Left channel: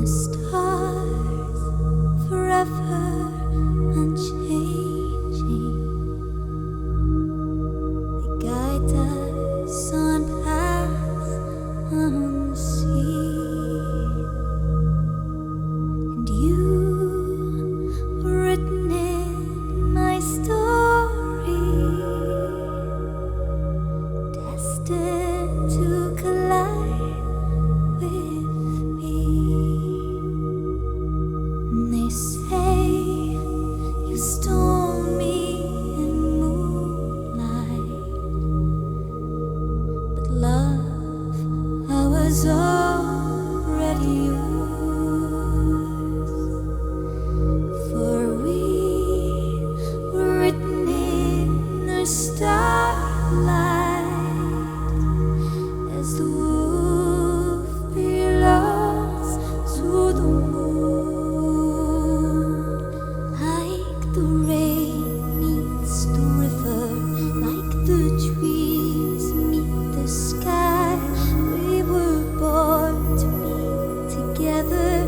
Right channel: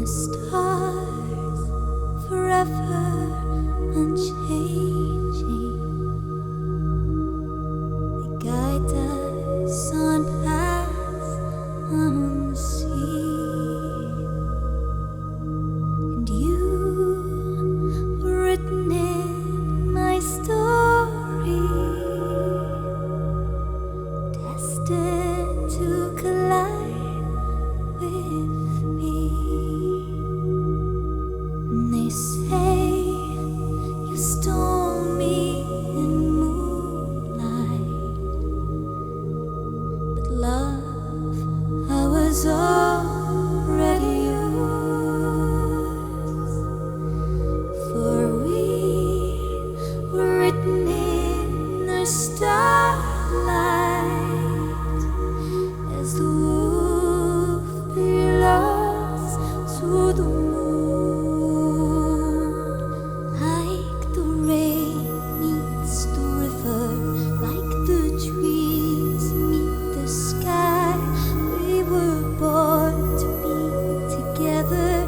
The stars forever unchanging, they guide us on paths unseen, and you were written in my story, destined to collide with me. And they say you stole me in moonlight, but love, I was already yours, for we were written in the starlight, as the wolf belongs to the moon. The rain meets the river, like the trees meet the sky. We were born to be together.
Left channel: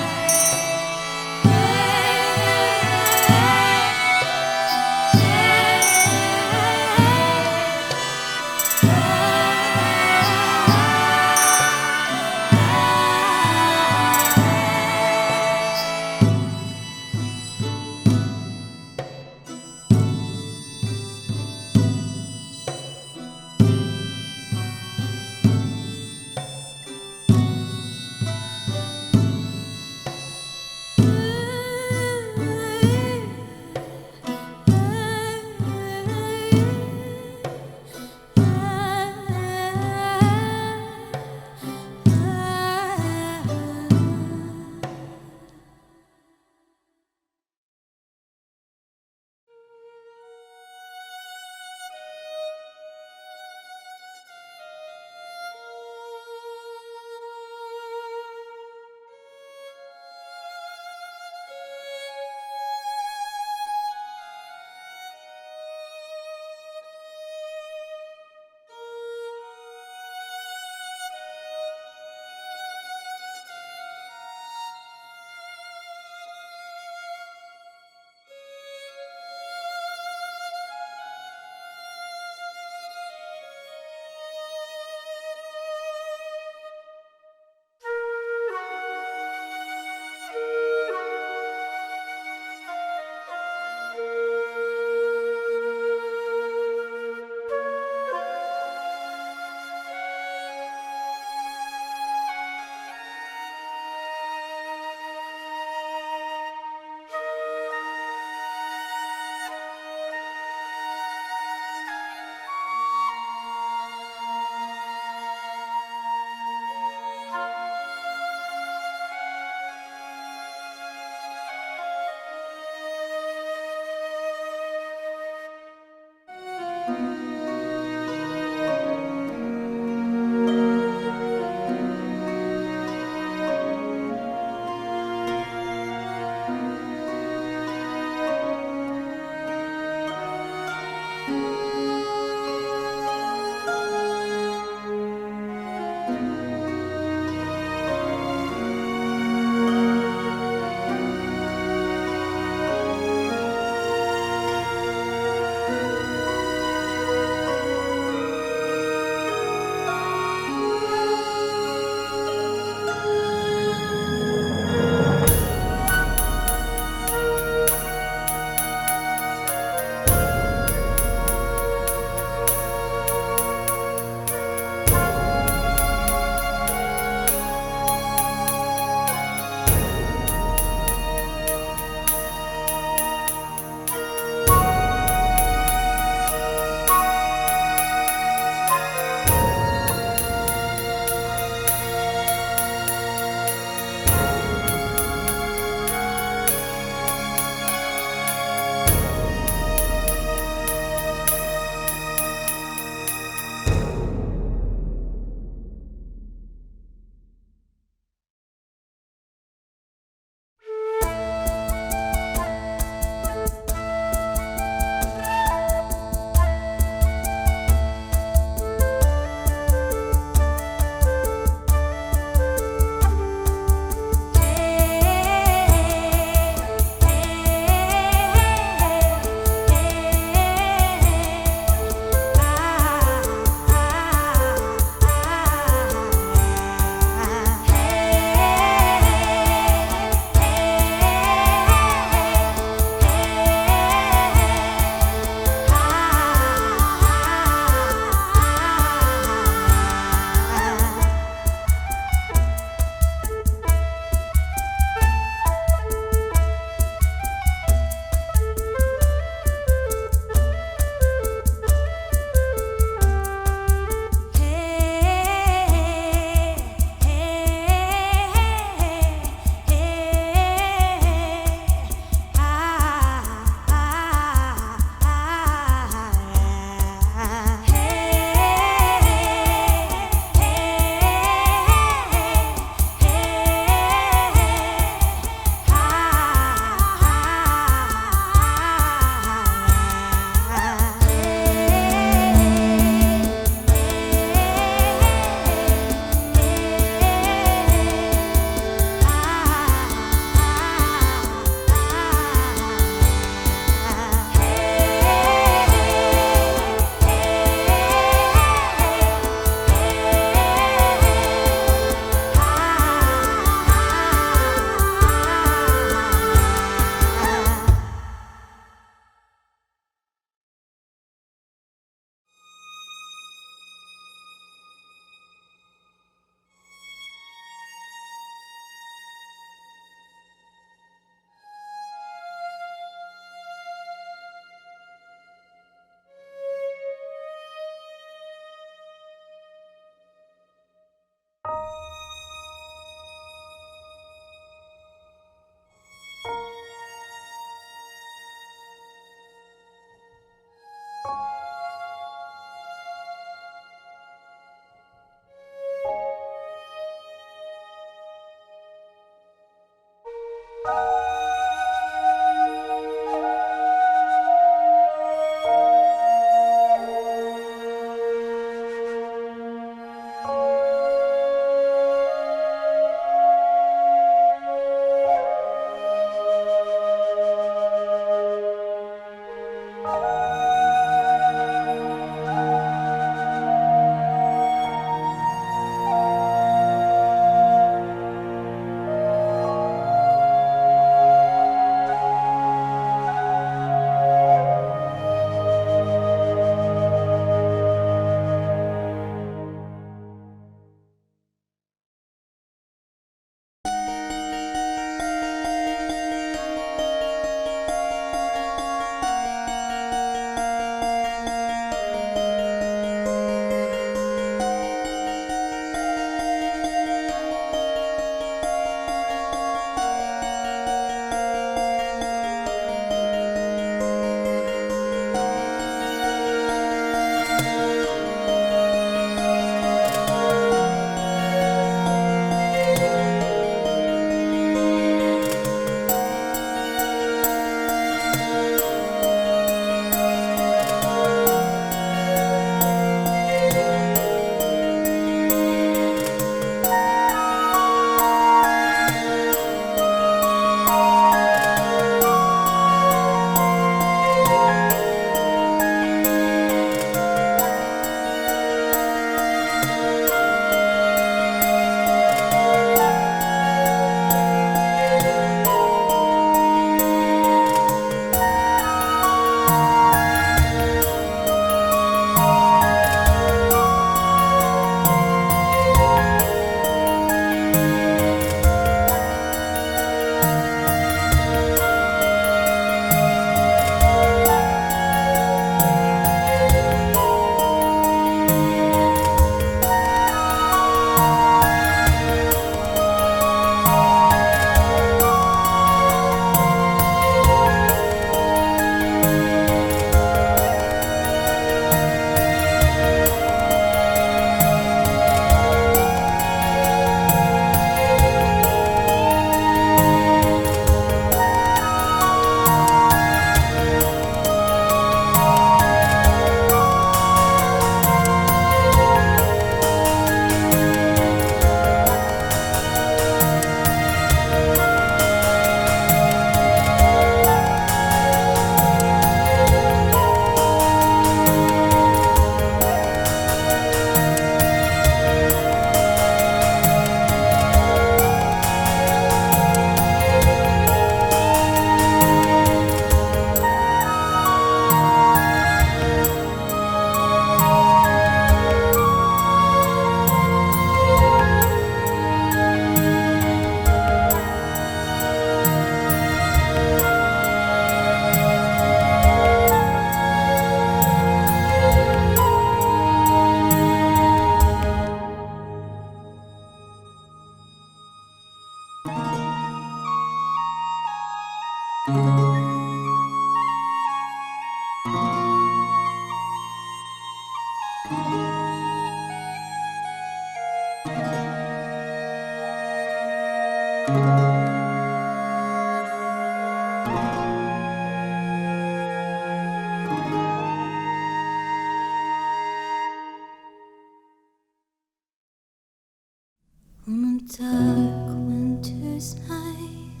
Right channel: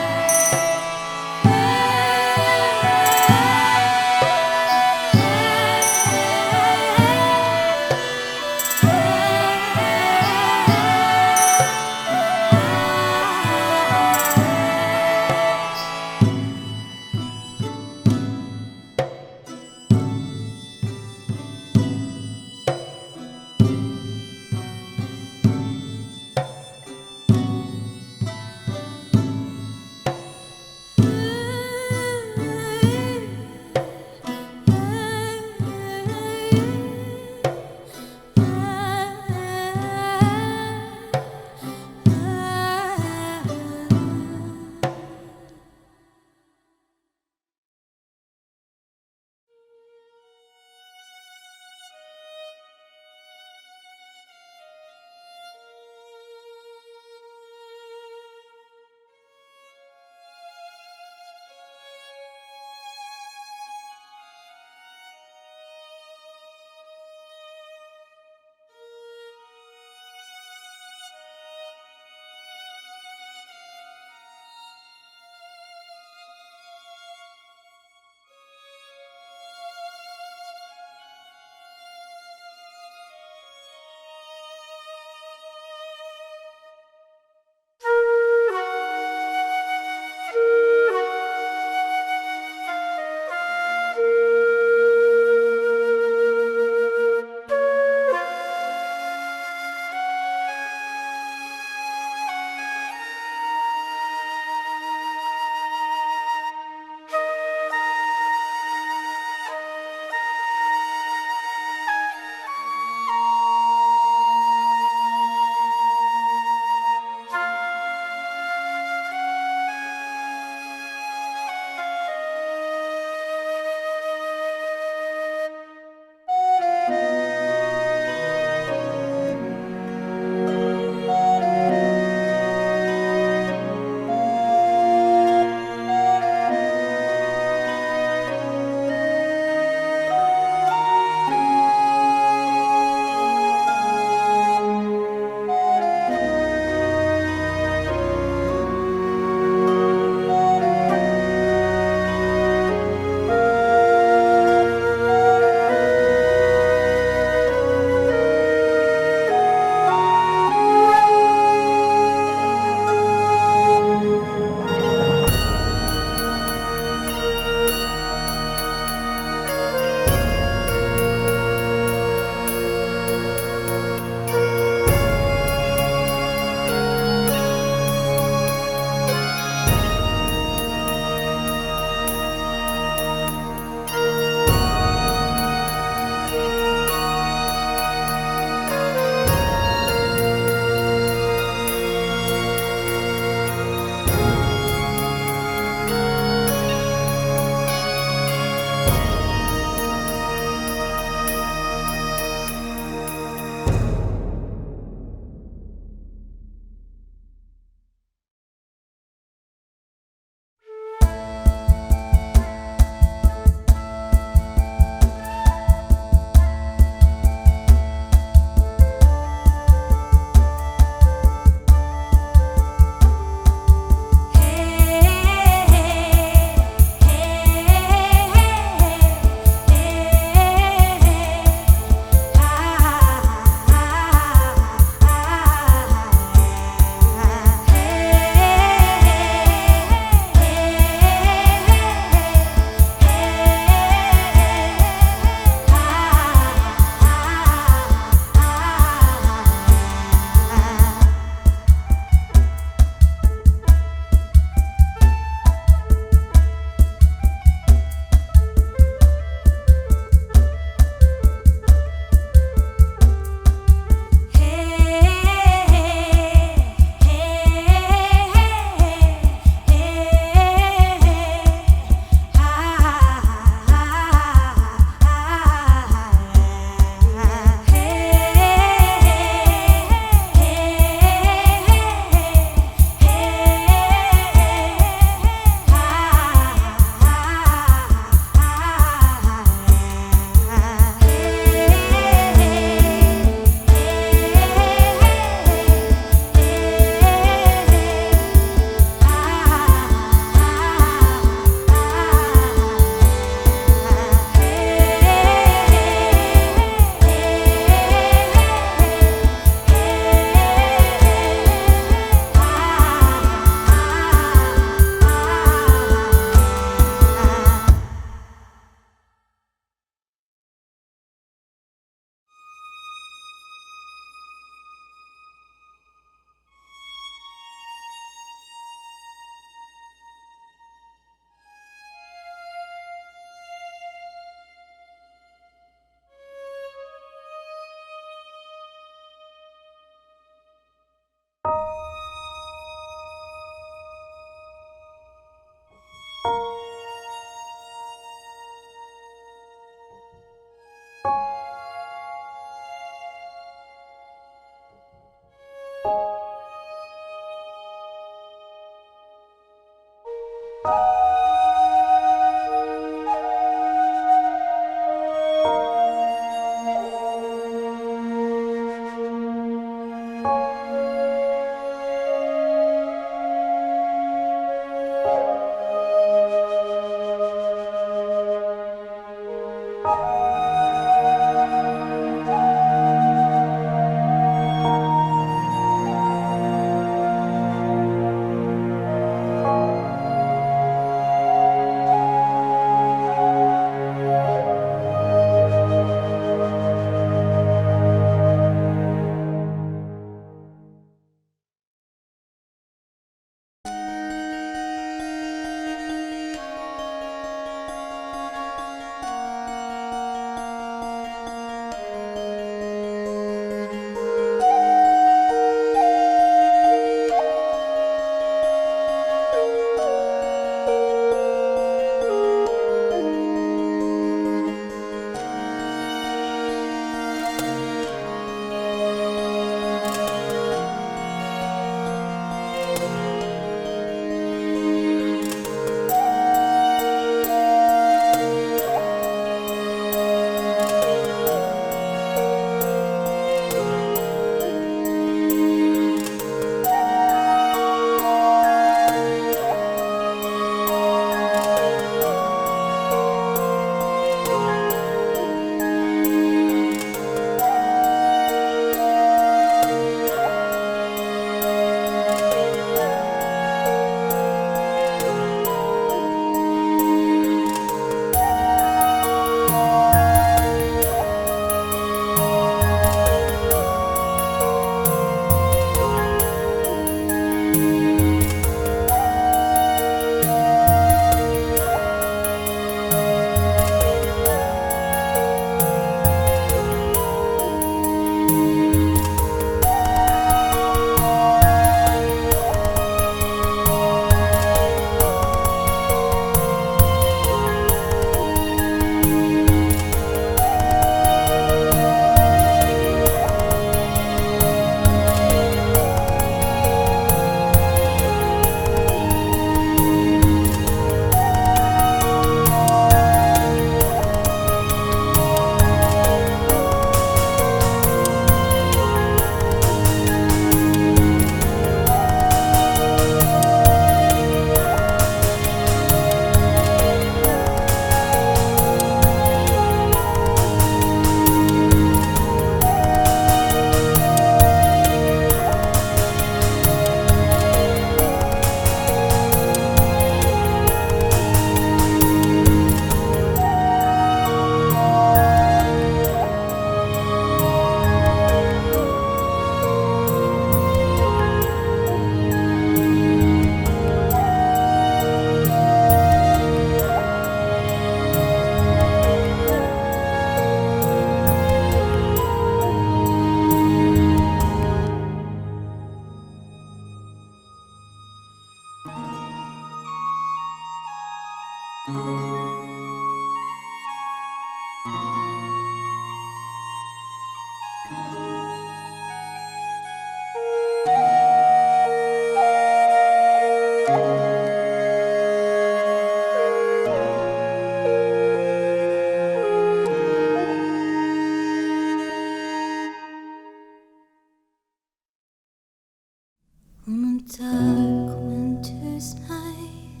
On a dark winter's night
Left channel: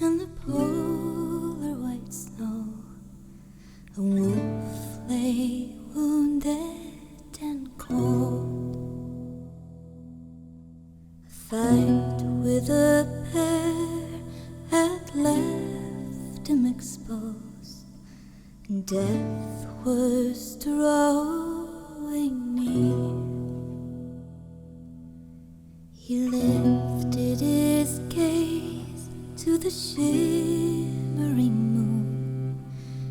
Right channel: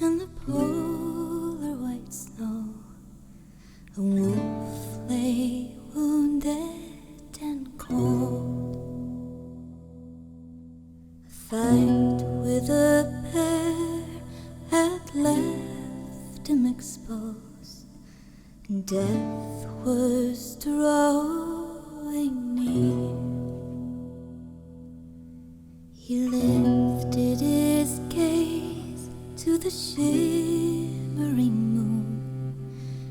in the polar white snow, a wolf lay wounded and cold. A fight with a bear had left him exposed, and death was drawing near. He lifted his gaze to the shimmering moon,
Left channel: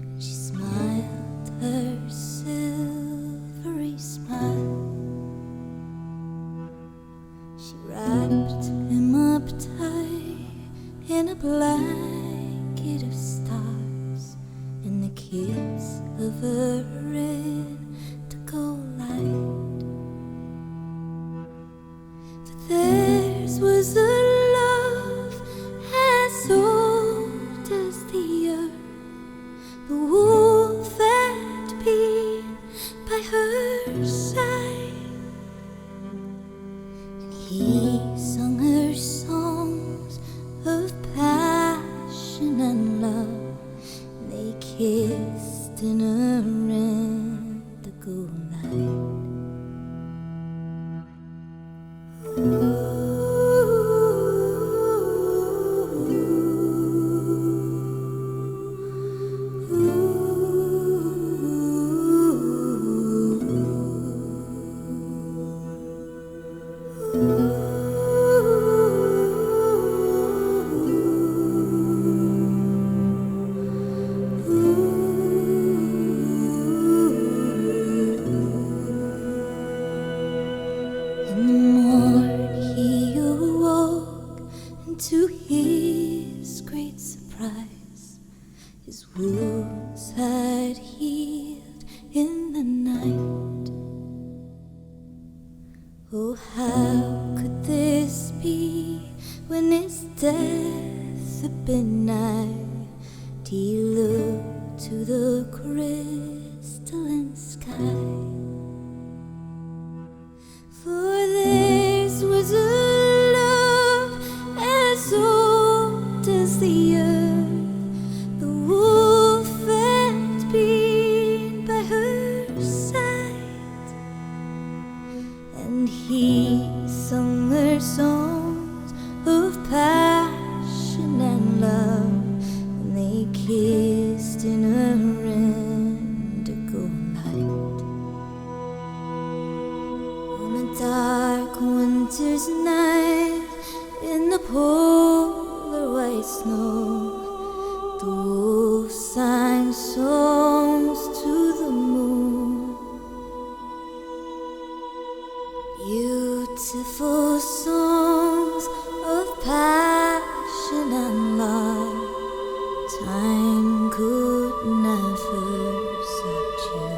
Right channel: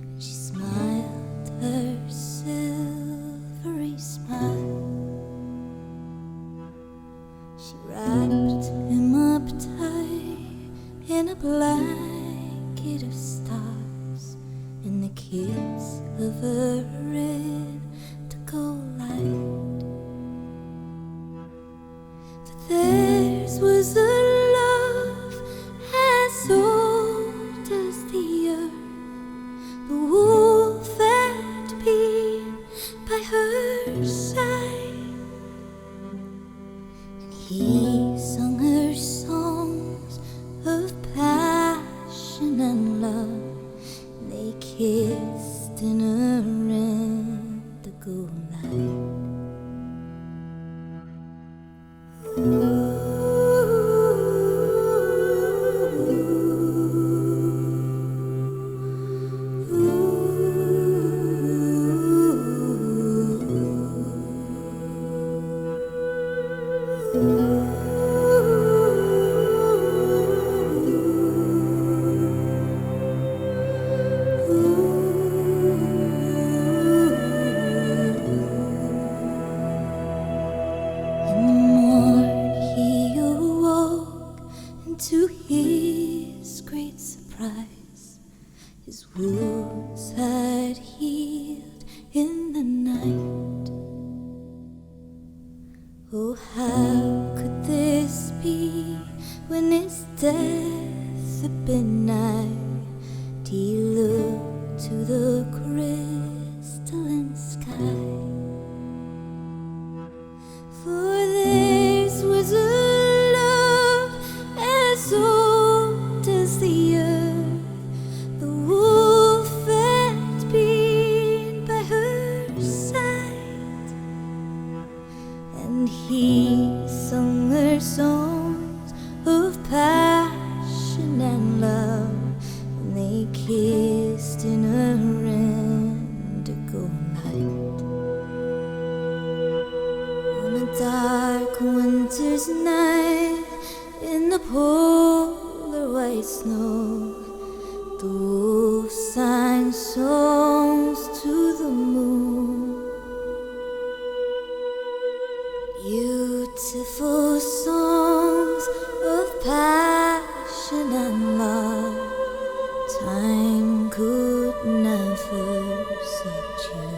and she smiled her silvery smile. She wrapped him up tight in a blanket of stars, and the kiss of her indigo light. Theirs was a love as old his great surprise, his wounds had healed in the night. Oh, how could this be when his death had been nigh? He looked to the crystalline sky, for theirs was a love as old as the earth. The wolf had been by her side, and he sung her songs of passion and love, and they kissed in a indigo light. On a dark winter's night, in the polar white snow, the wolf sang songs to the moon. Beautiful songs of passion and love, time could never subdue.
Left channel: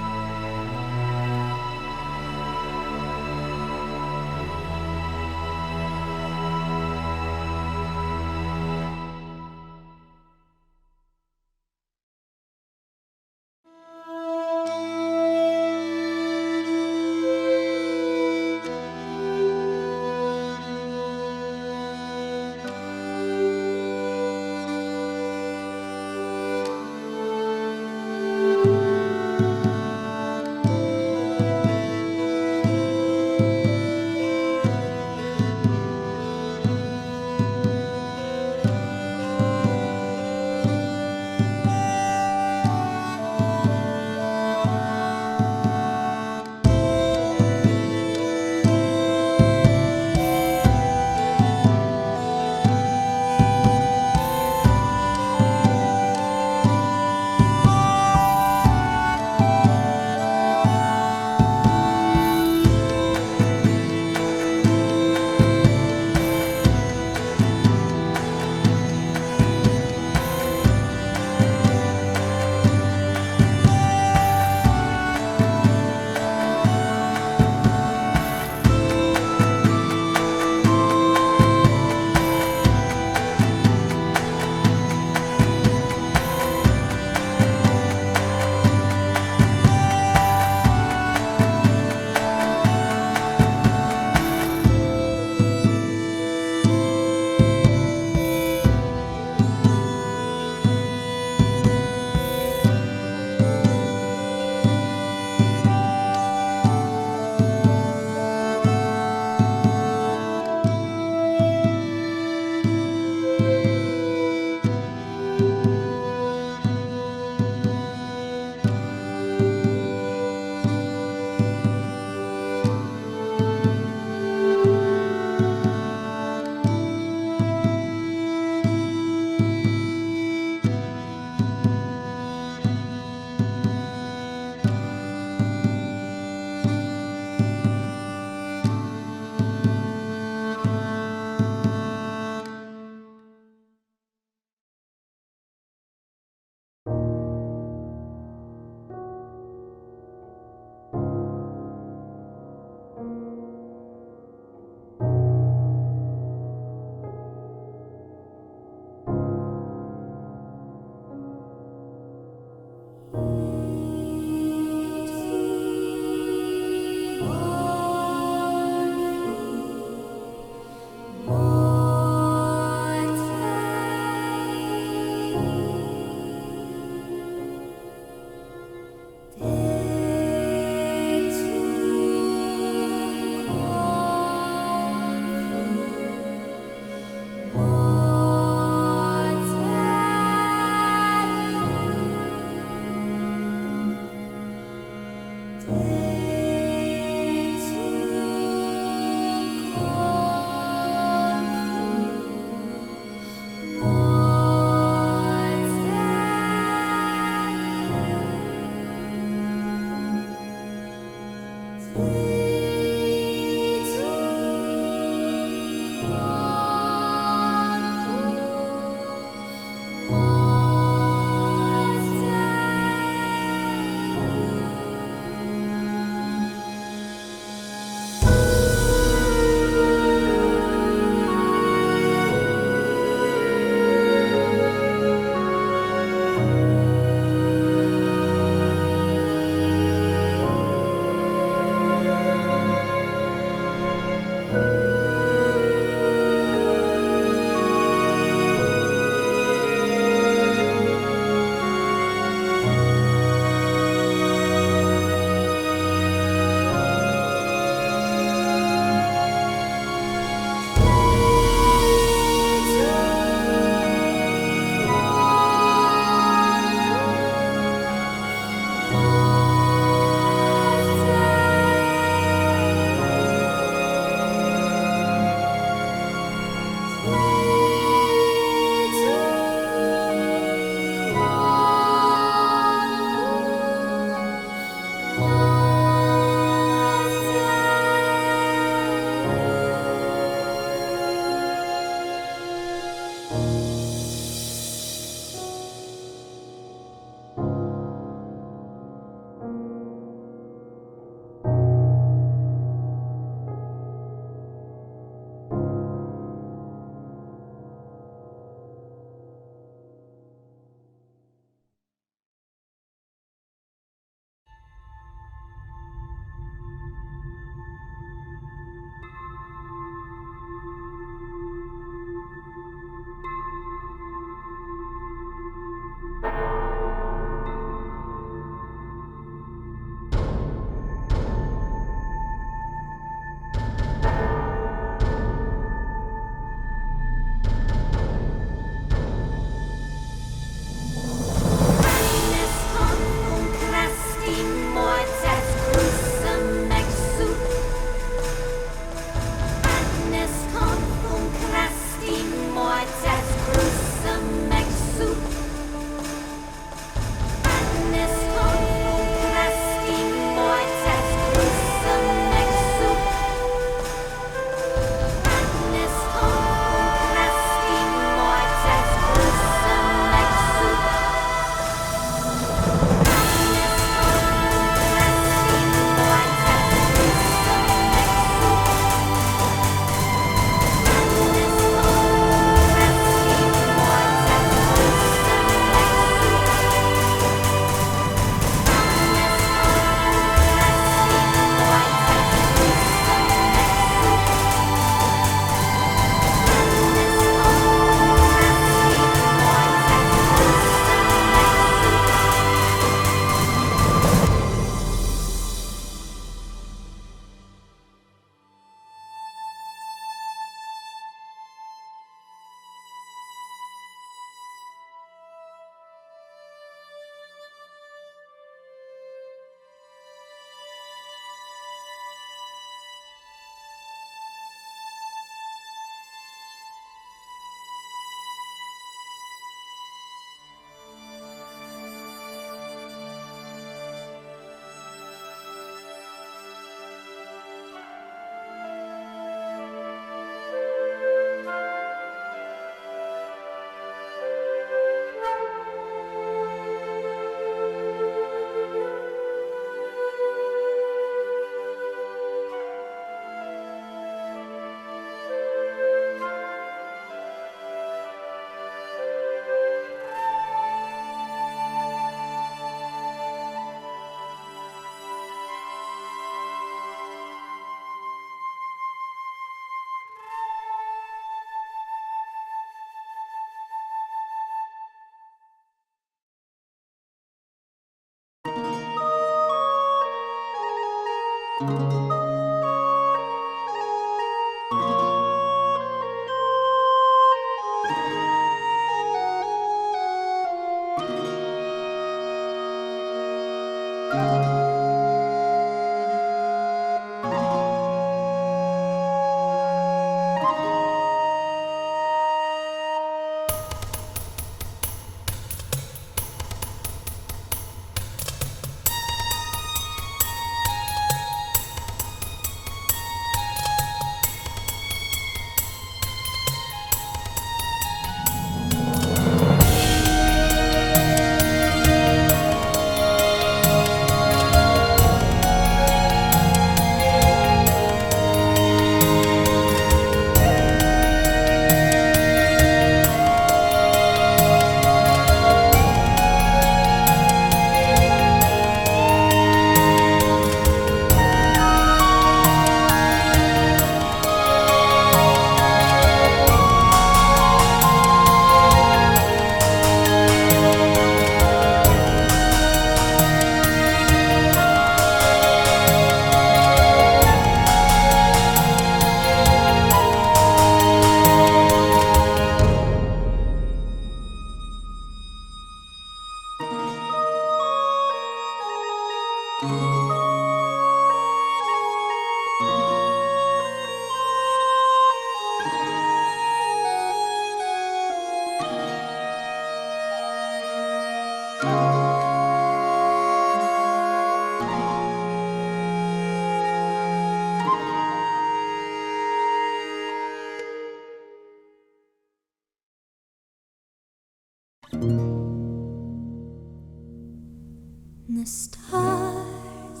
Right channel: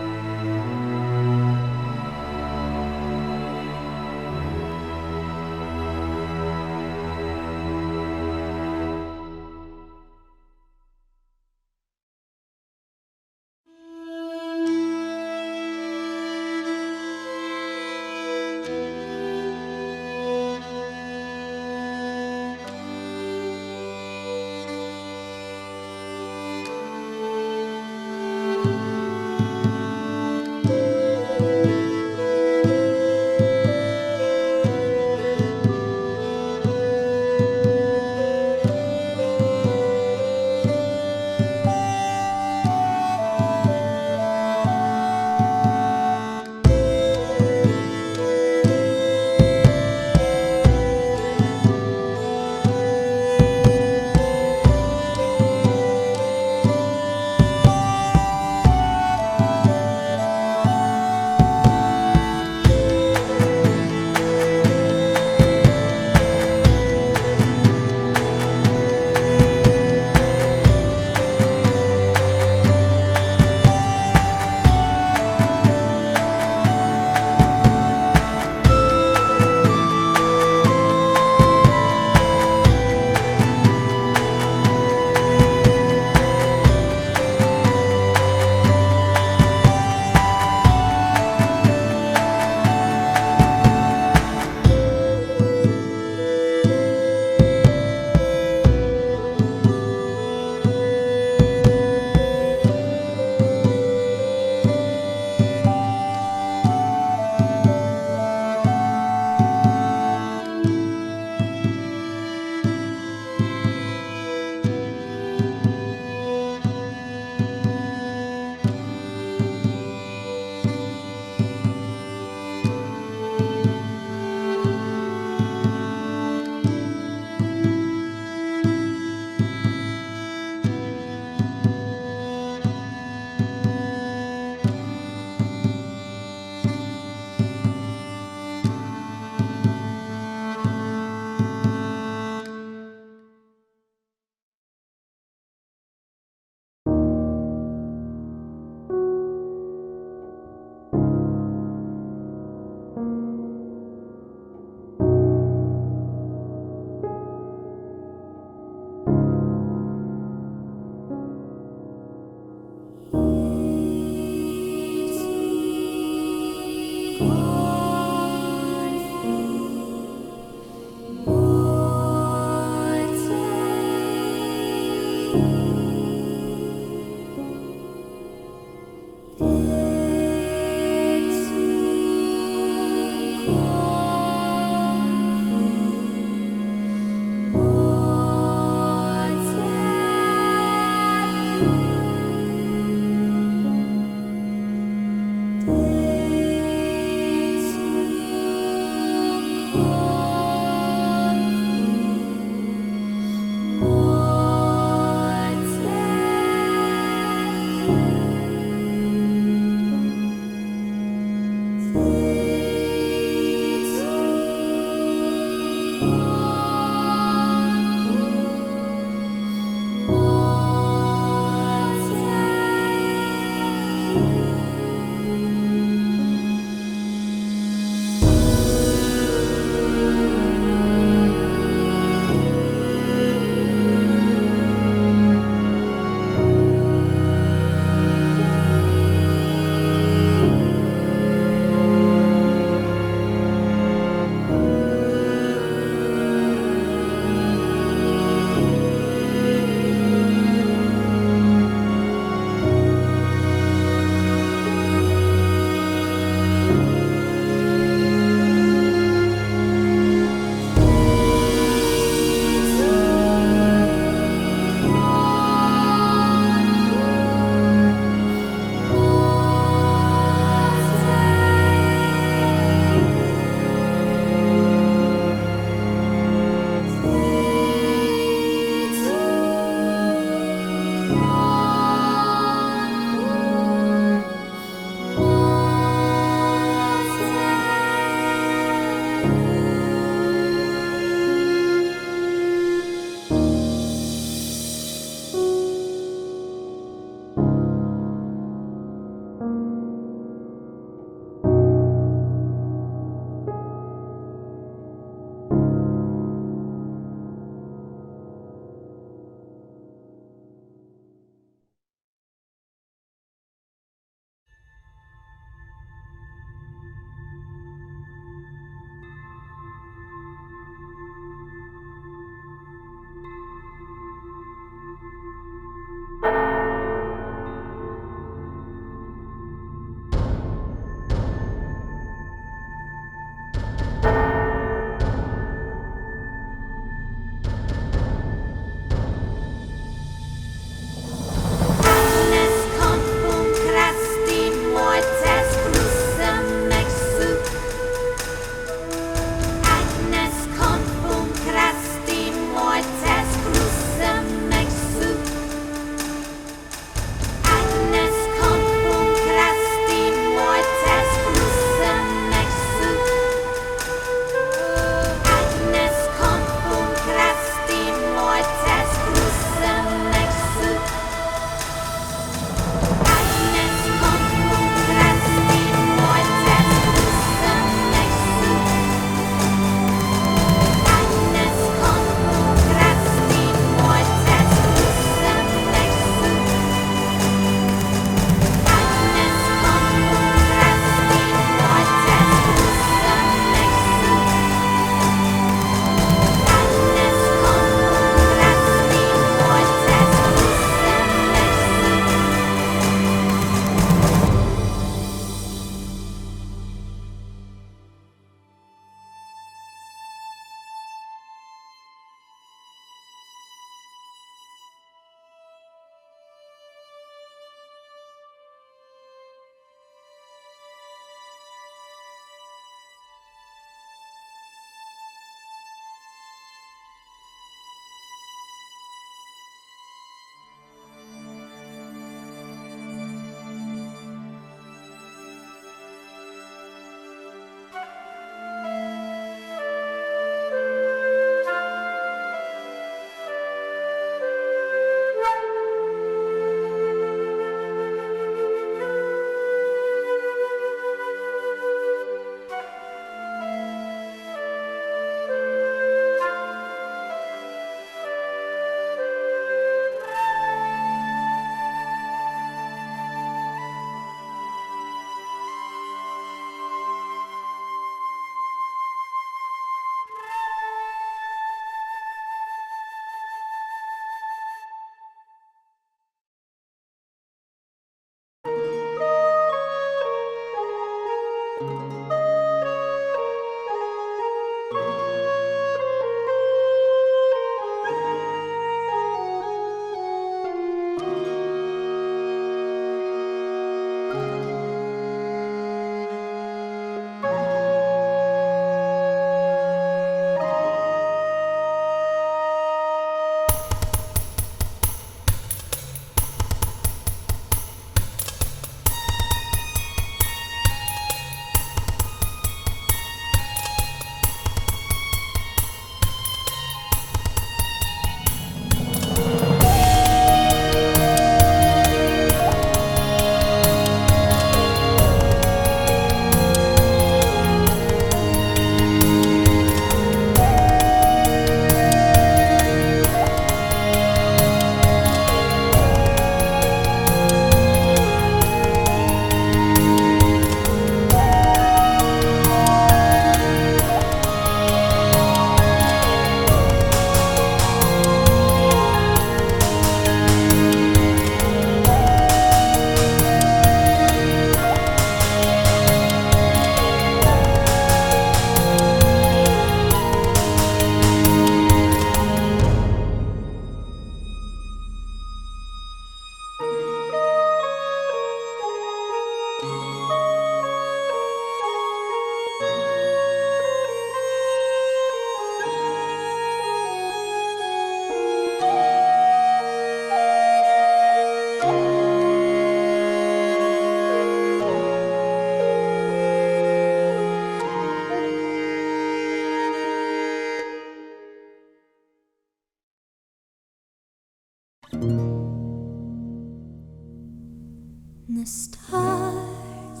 The stars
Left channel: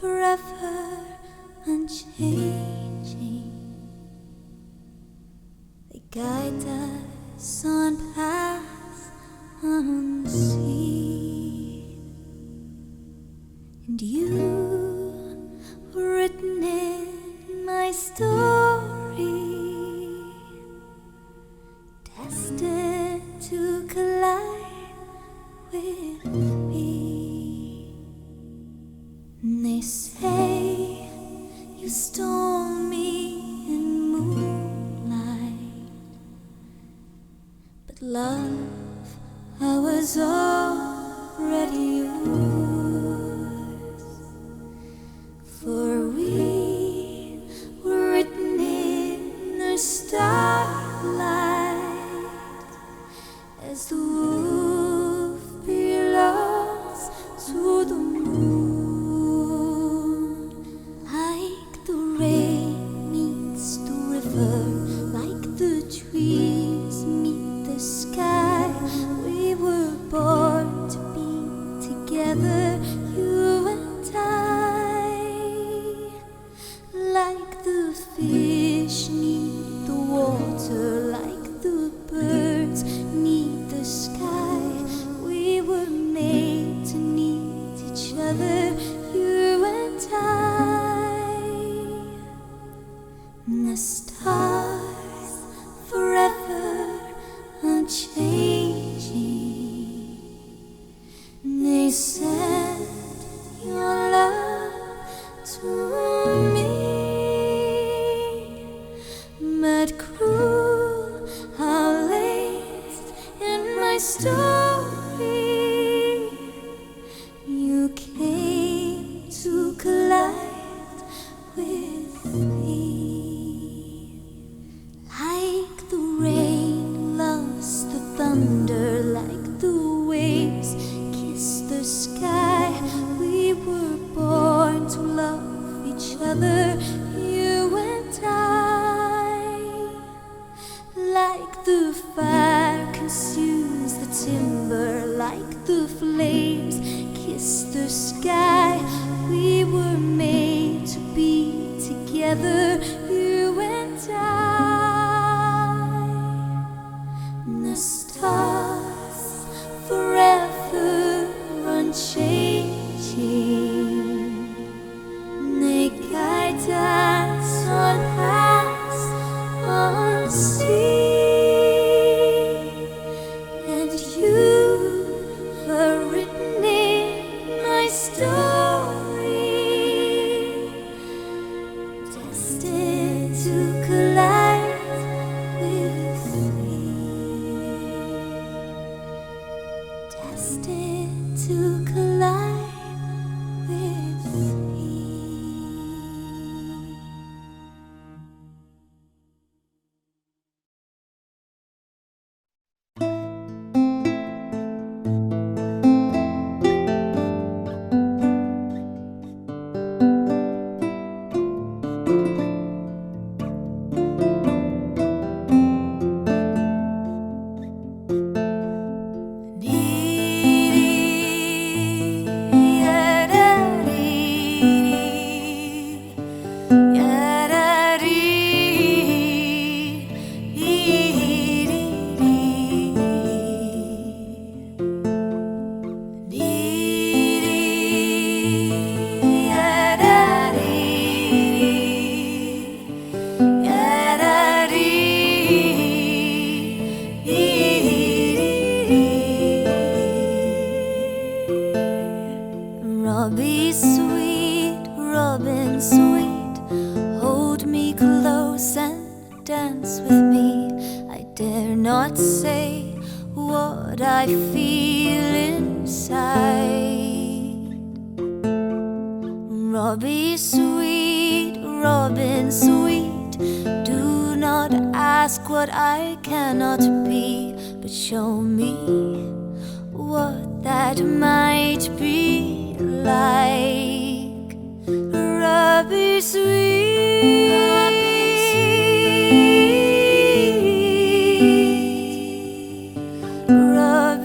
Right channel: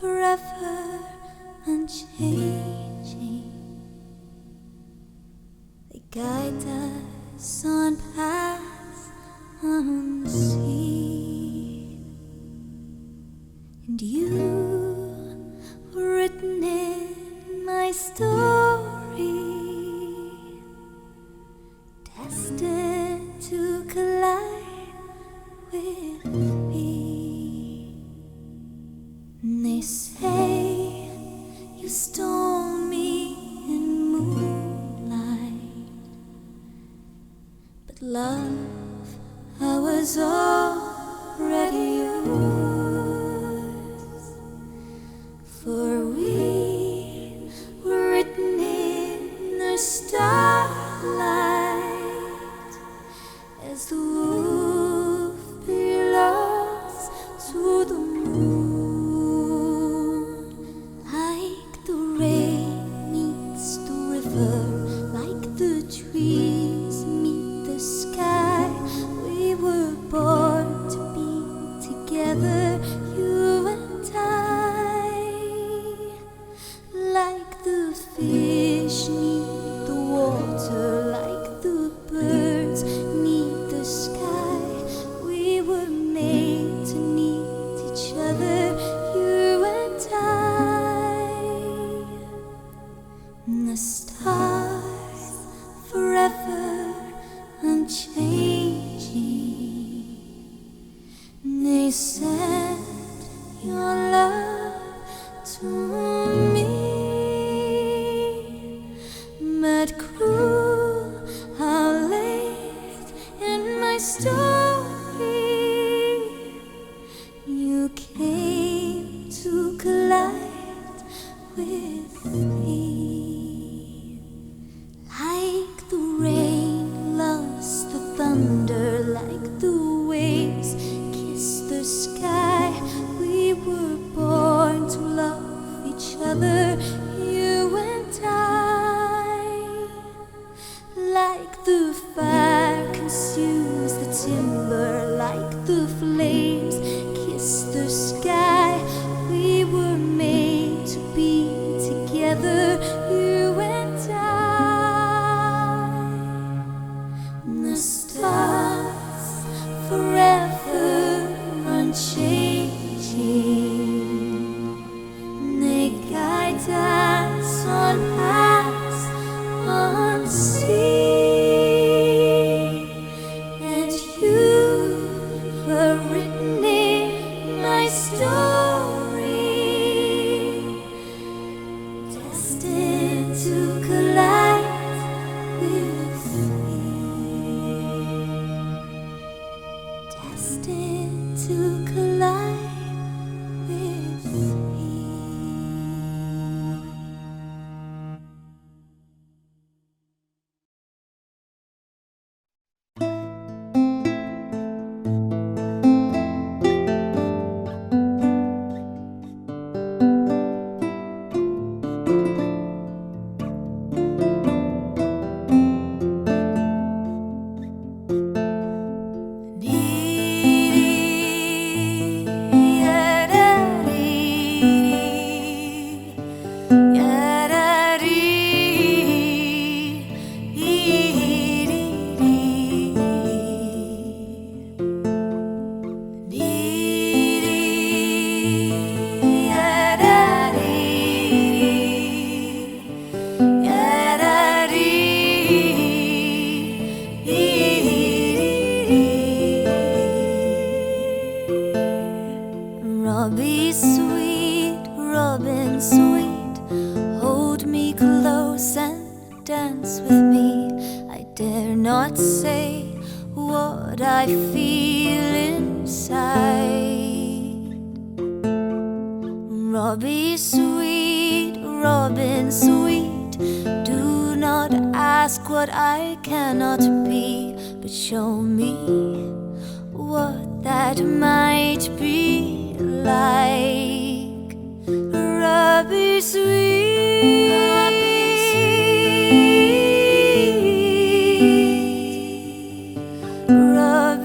forever unchanging, they guide us on paths unseen, and you were written in my story, destined to collide with me. And they say you stole me in moonlight, but love, I was already yours. For we were written in the starlight, as the wolf belongs to the moon. Like the rain meets the river, like the trees meet the sky, we were born to be together, you and I. Like the fish need the water, like the birds need the sky, we were made to need each other, you and I. The stars forever unchanging, they sent your love to me. But cruel, how late in my story you came to collide with me. Like the rain loves the thunder, like the waves kiss the sky, we were born to love each other, you and I. Like the fire consumes the timber, like the flames kiss the sky, we were made to be together, you and I. The stars forever unchanging, they guide us on paths unseen, and you were written in my story, destined to collide with me, destined to collide with me. Robbie sweet, Robin sweet, hold me close and dance with me. I dare not say what I feel inside. Robbie sweet, Robin sweet, do not ask what I cannot be, but show me what that might be like. Robbie sweet, Robbie sweet, Robbie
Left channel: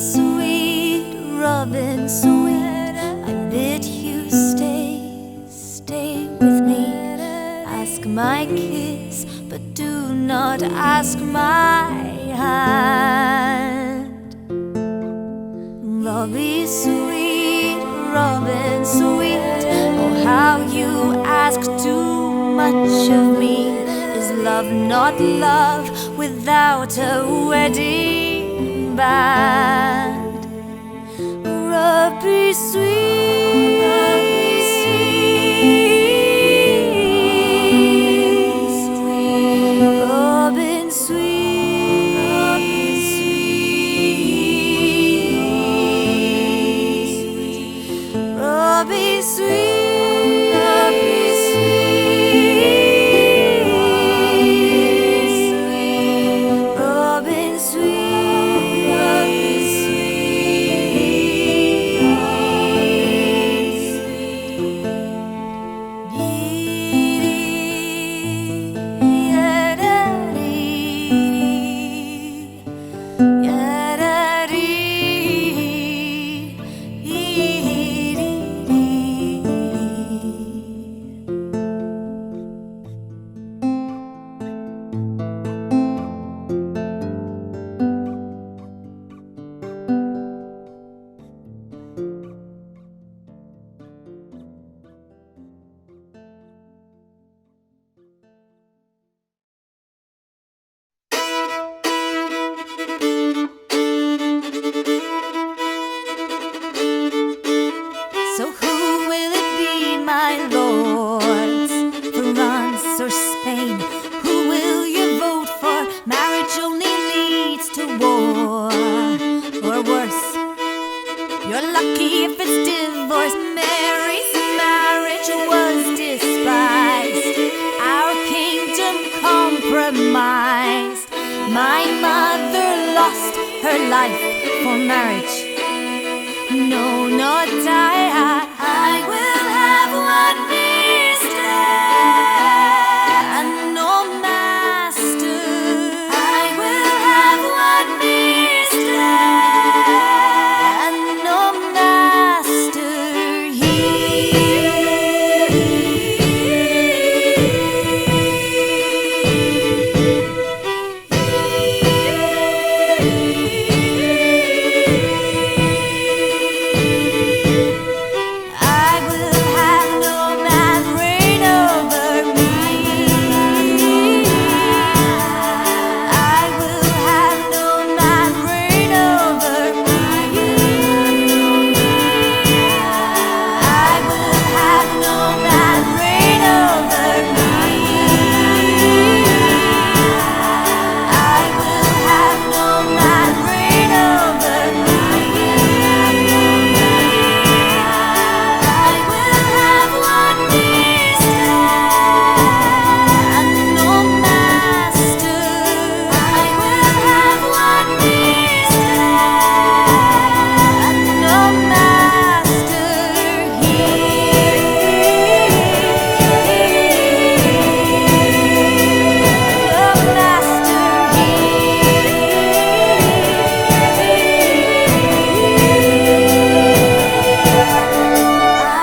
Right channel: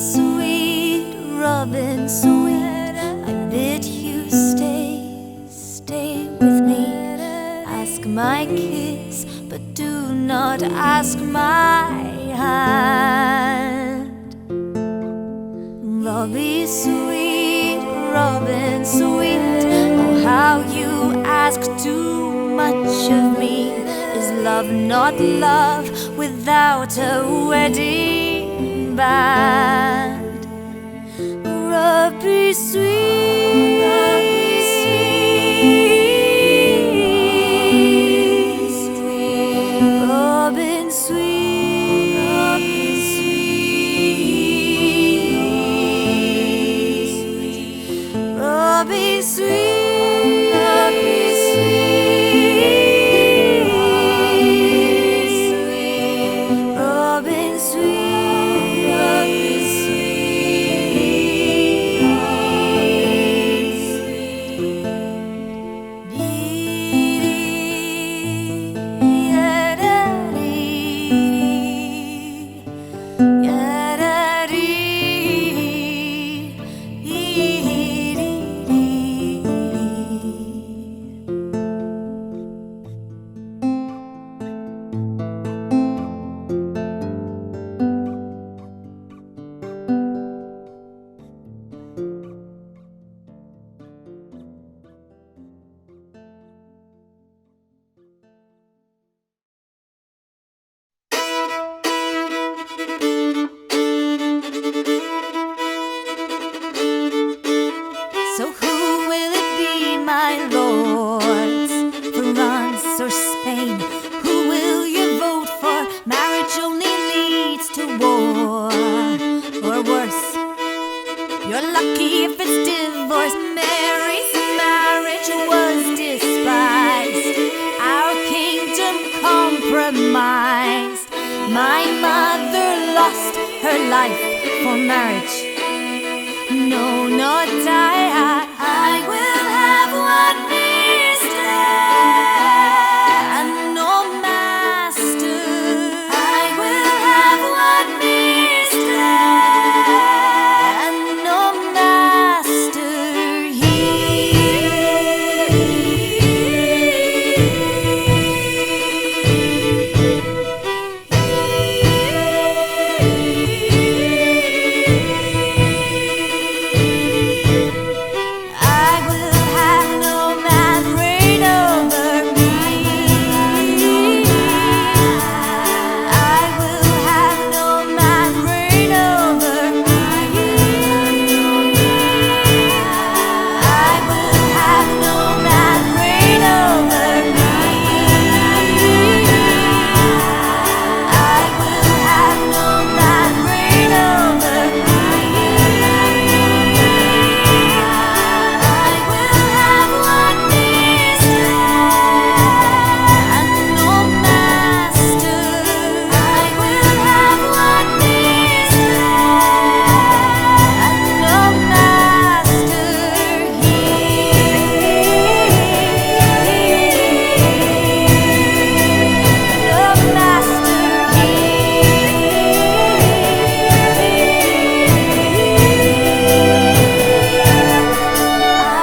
sweet, Robin sweet, I bid you stay with me. Ask my kiss, but do not ask my hand. Robbie sweet, Robin sweet, oh how you ask too much of me. Is love not love without a wedding band? Robbie sweet, Robbie sweet, Robin sweet, Robin sweet, Robbie sweet. My mother lost her life for marriage. No, not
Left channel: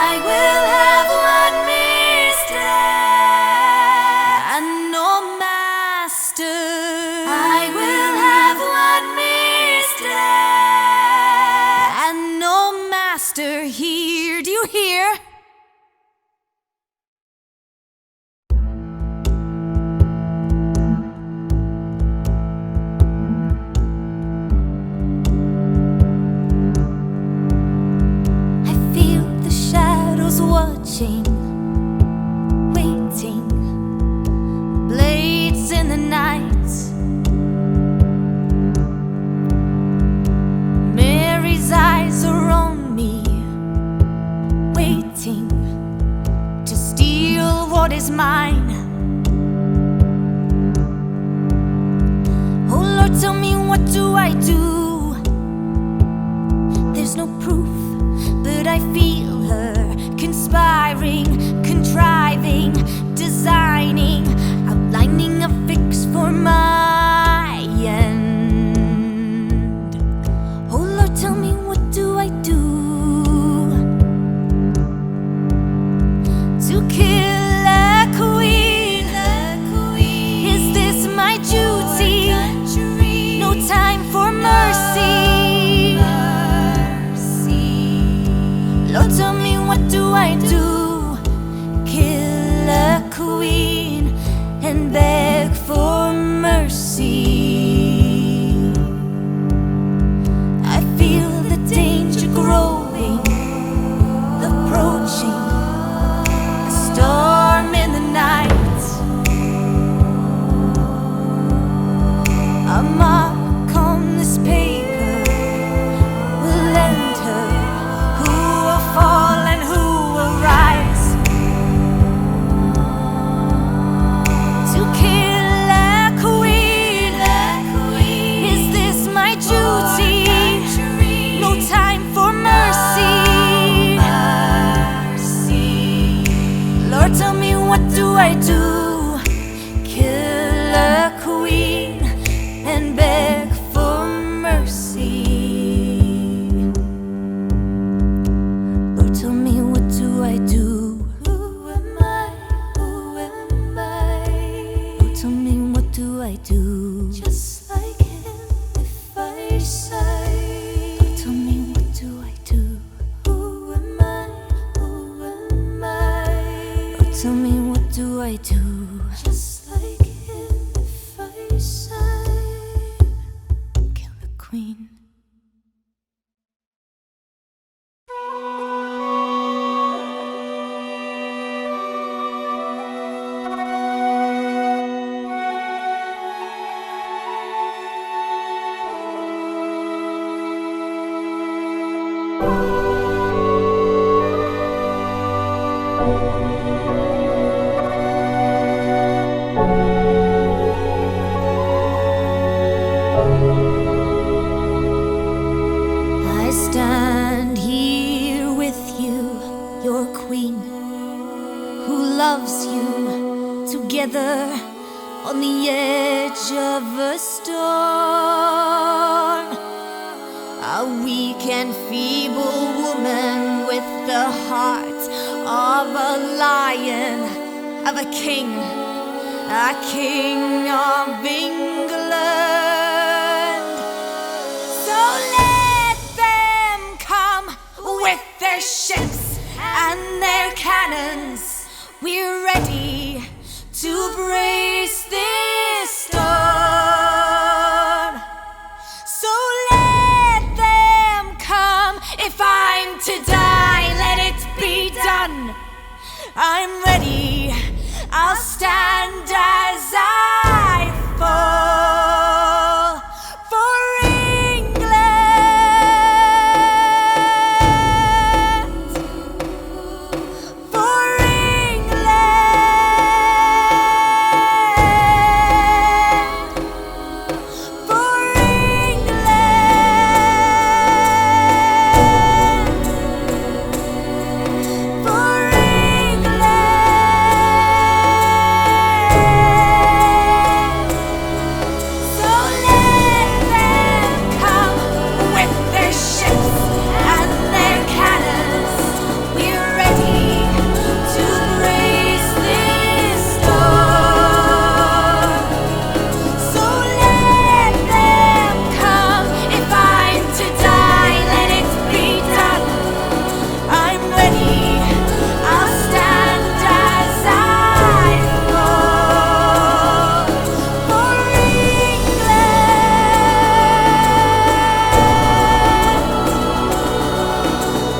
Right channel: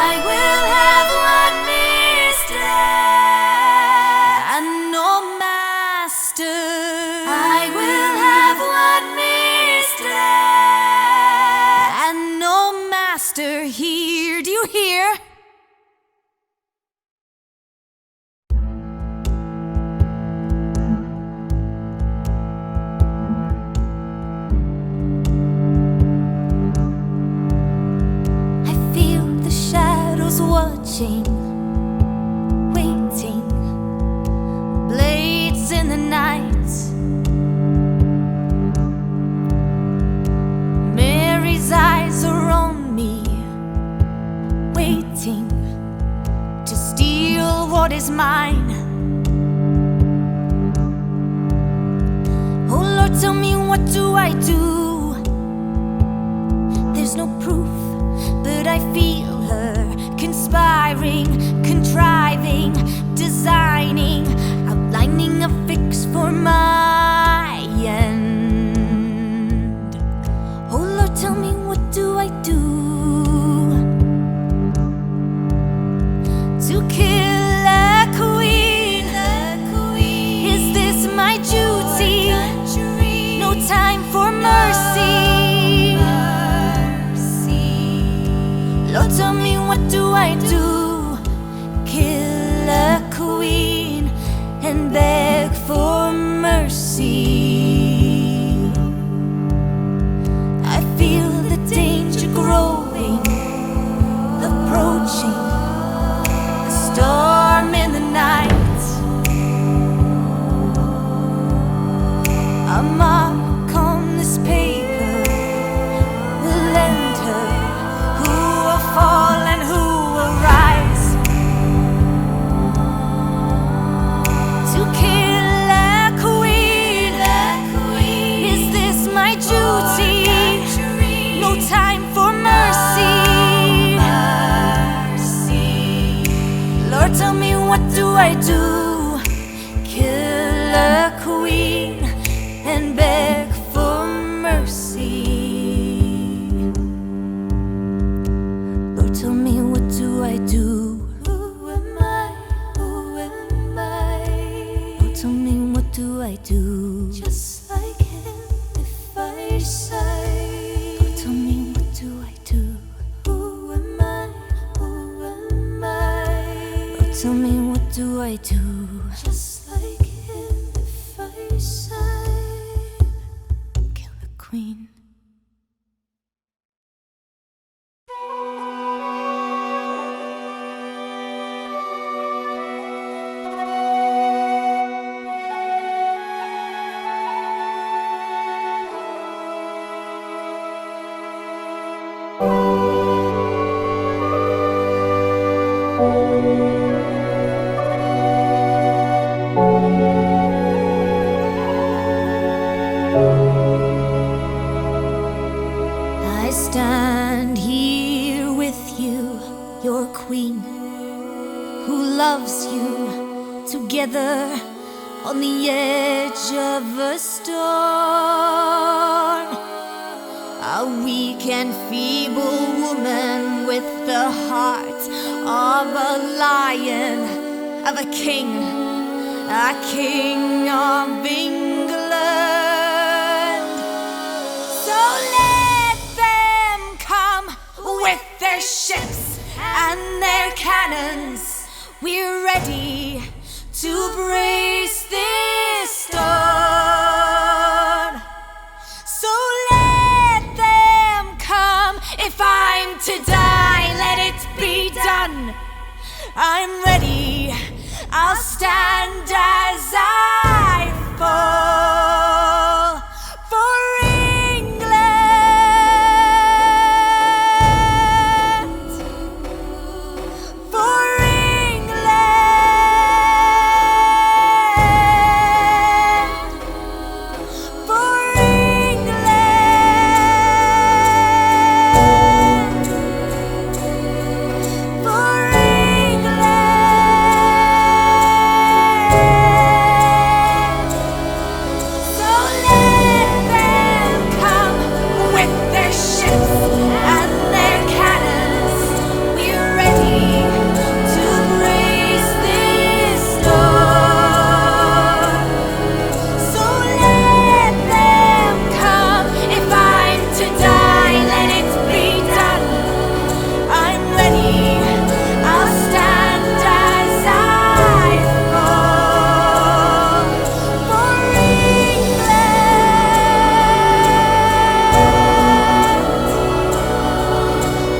I will have one mistress and no master. I will have one mistress and no master here. Do you hear? I feel the shadows watching, waiting, blades in the night. Mary's eyes are on me, waiting to steal what is mine. Oh Lord, tell me, what do I do? There's no proof, but I feel her conspiring, contriving, designing, outlining a fix for my end. Oh Lord, Lord, tell me, what do I do? Kill a queen and beg for mercy. I feel the danger growing, approaching, a storm in the night. A mark on this paper will end her. Who will fall and who will rise? To kill a queen, is this my duty? No time for mercy. Lord, tell me, what do I do? Kill a queen and beg for mercy. Lord, tell me, what do I do? Who am I? Who am I? Lord, tell me, what do I do? Just like him, if I sigh. Lord, tell me, what do I do? Who am I? Who am I? Lord, tell me, what do I do? Just like him, if I sigh. Kill the queen. I stand here with you, your queen, who loves you, together on the edge of a storm. A weak and feeble woman with the heart of a lion, of a king of England. So let them come with their ships and their cannons. We're ready to brace this storm. So let them come. If I'm to die, let it be done. I'm ready. I'll stand as I fall for England. For England. For England. For So let them come with their ships and their cannons. We're ready to brace this storm. So let them come. If I'm to die, let it be done. I'm ready. I'll stand as I fall for England.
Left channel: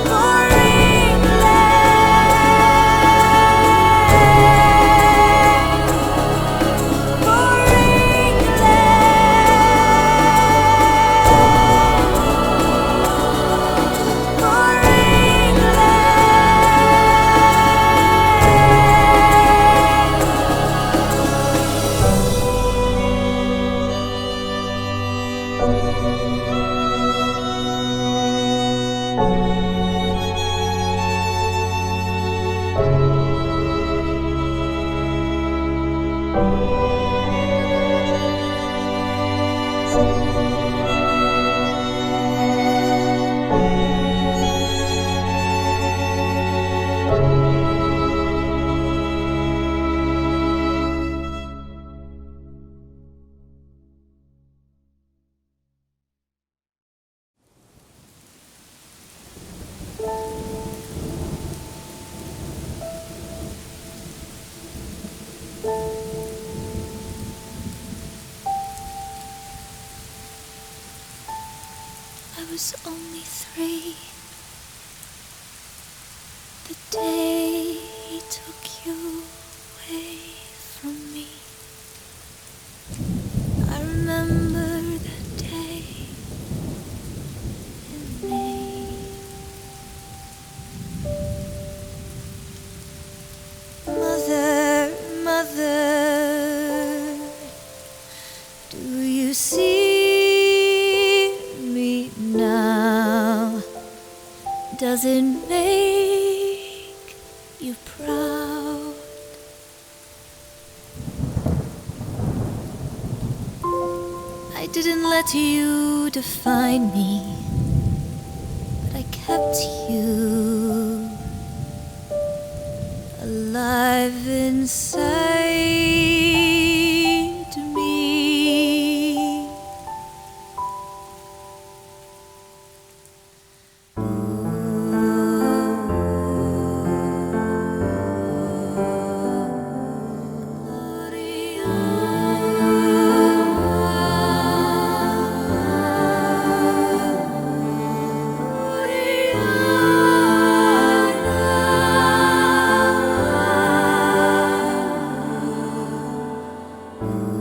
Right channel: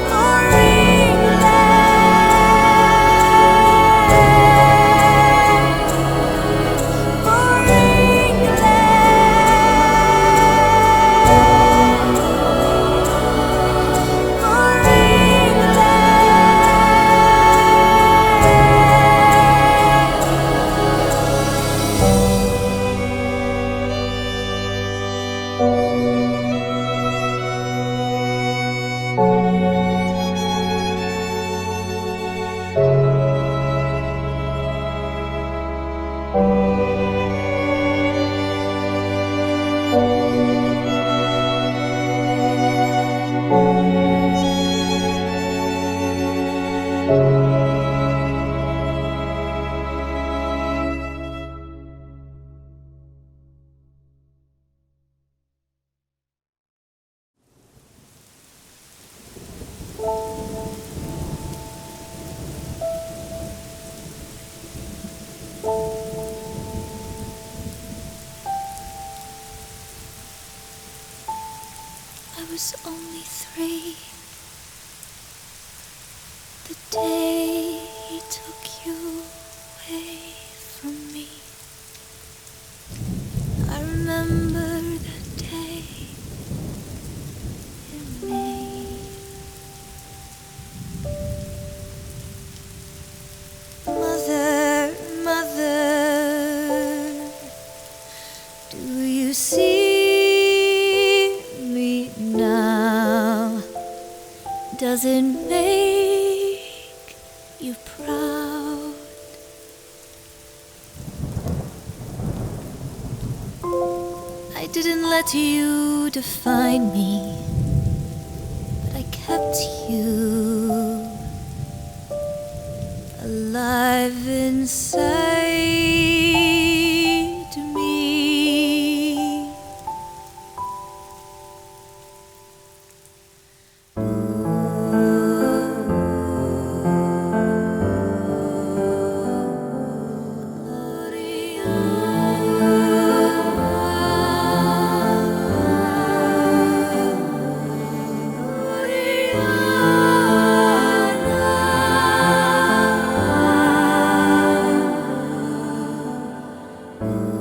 For England. For England. For was only 3. The day he took you away from me. I remember that day in May. Mother, mother, do you see me now? Does it make you proud? I didn't let you define me, but I kept you alive inside me.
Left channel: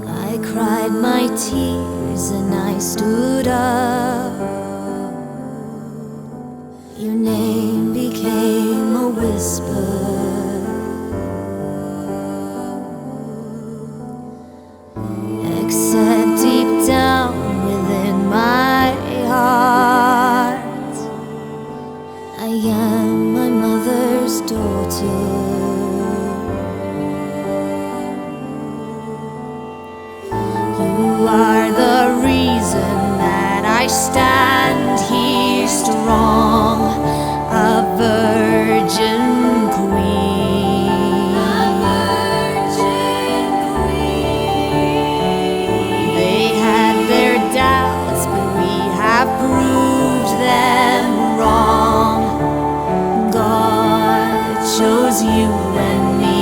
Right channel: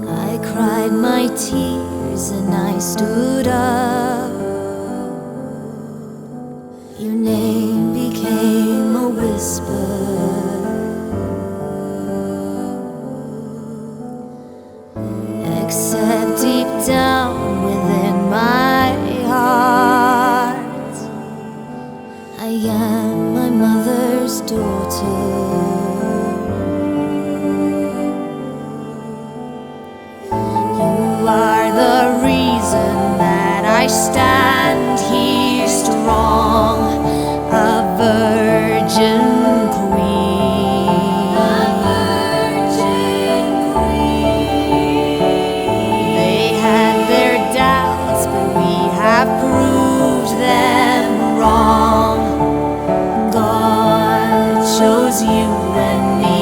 I cried my tears and I stood up. Your name became a whisper. Except deep down within my heart, I am my mother's daughter. You are the reason that I stand here strong, a virgin queen. A virgin queen. They had their doubts, but we have proved them wrong. God chose you and me.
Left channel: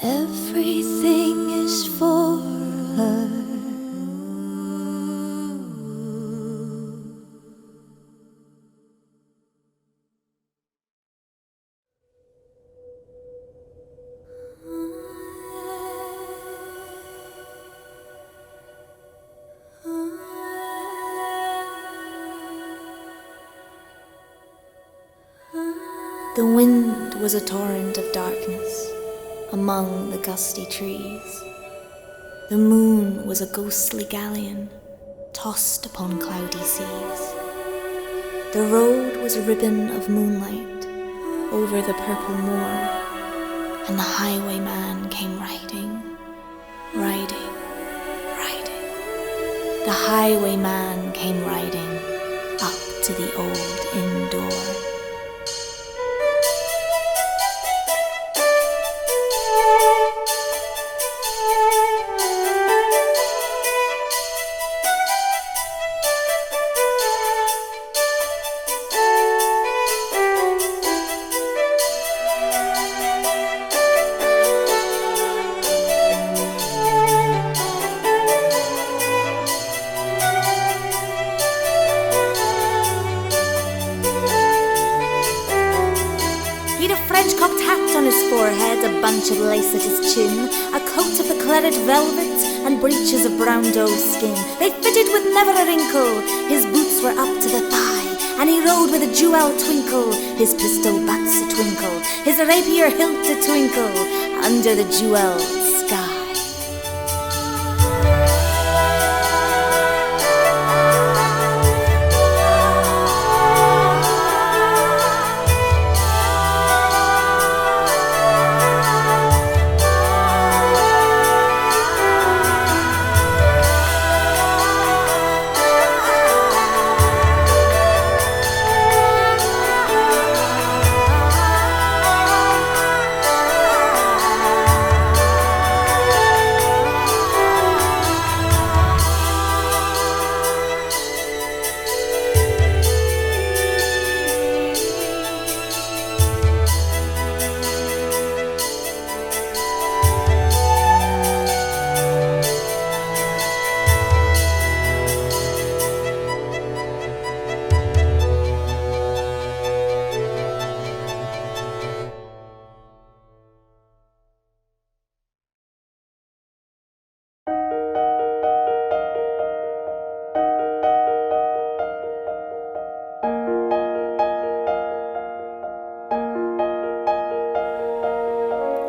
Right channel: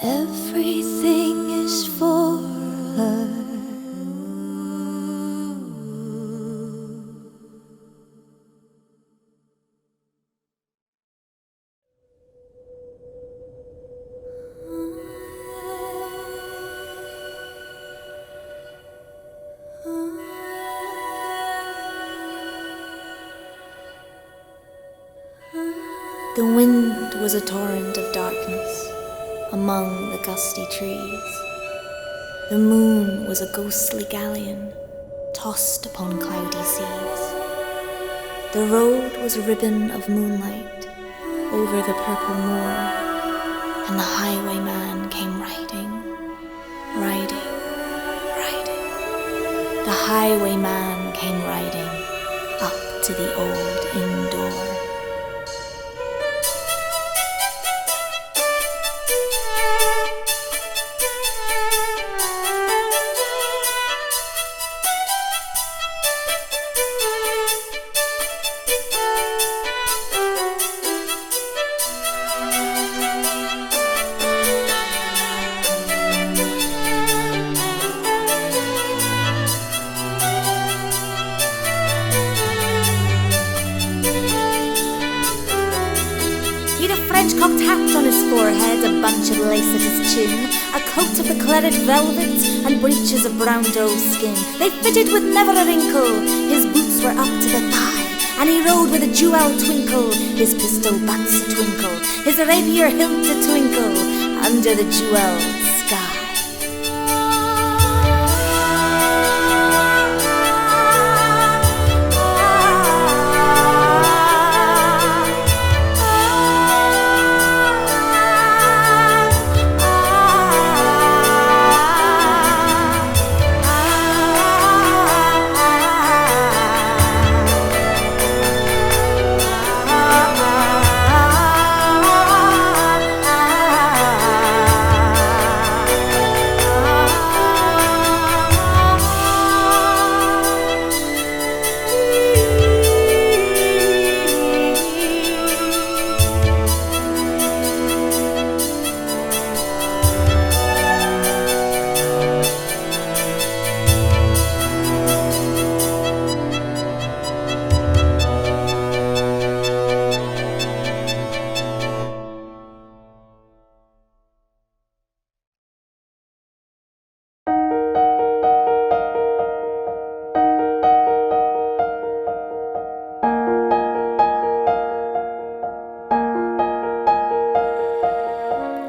Everything is for her. The wind was a torrent of darkness among the gusty trees. The moon was a ghostly galleon tossed upon cloudy seas. The road was a ribbon of moonlight over the purple moor, and the highwayman came riding, riding, riding. The highwayman came riding up to the old inn door. cocked hat on his forehead, a bunch of lace at his chin, a coat of the cledded velvet, and breeches of brown doe skin. They fitted with never a wrinkle, his boots were up to the thigh, and he rode with a jewel twinkle, his pistol butts a twinkle, his rapier hilt a twinkle, under the jewelled sky.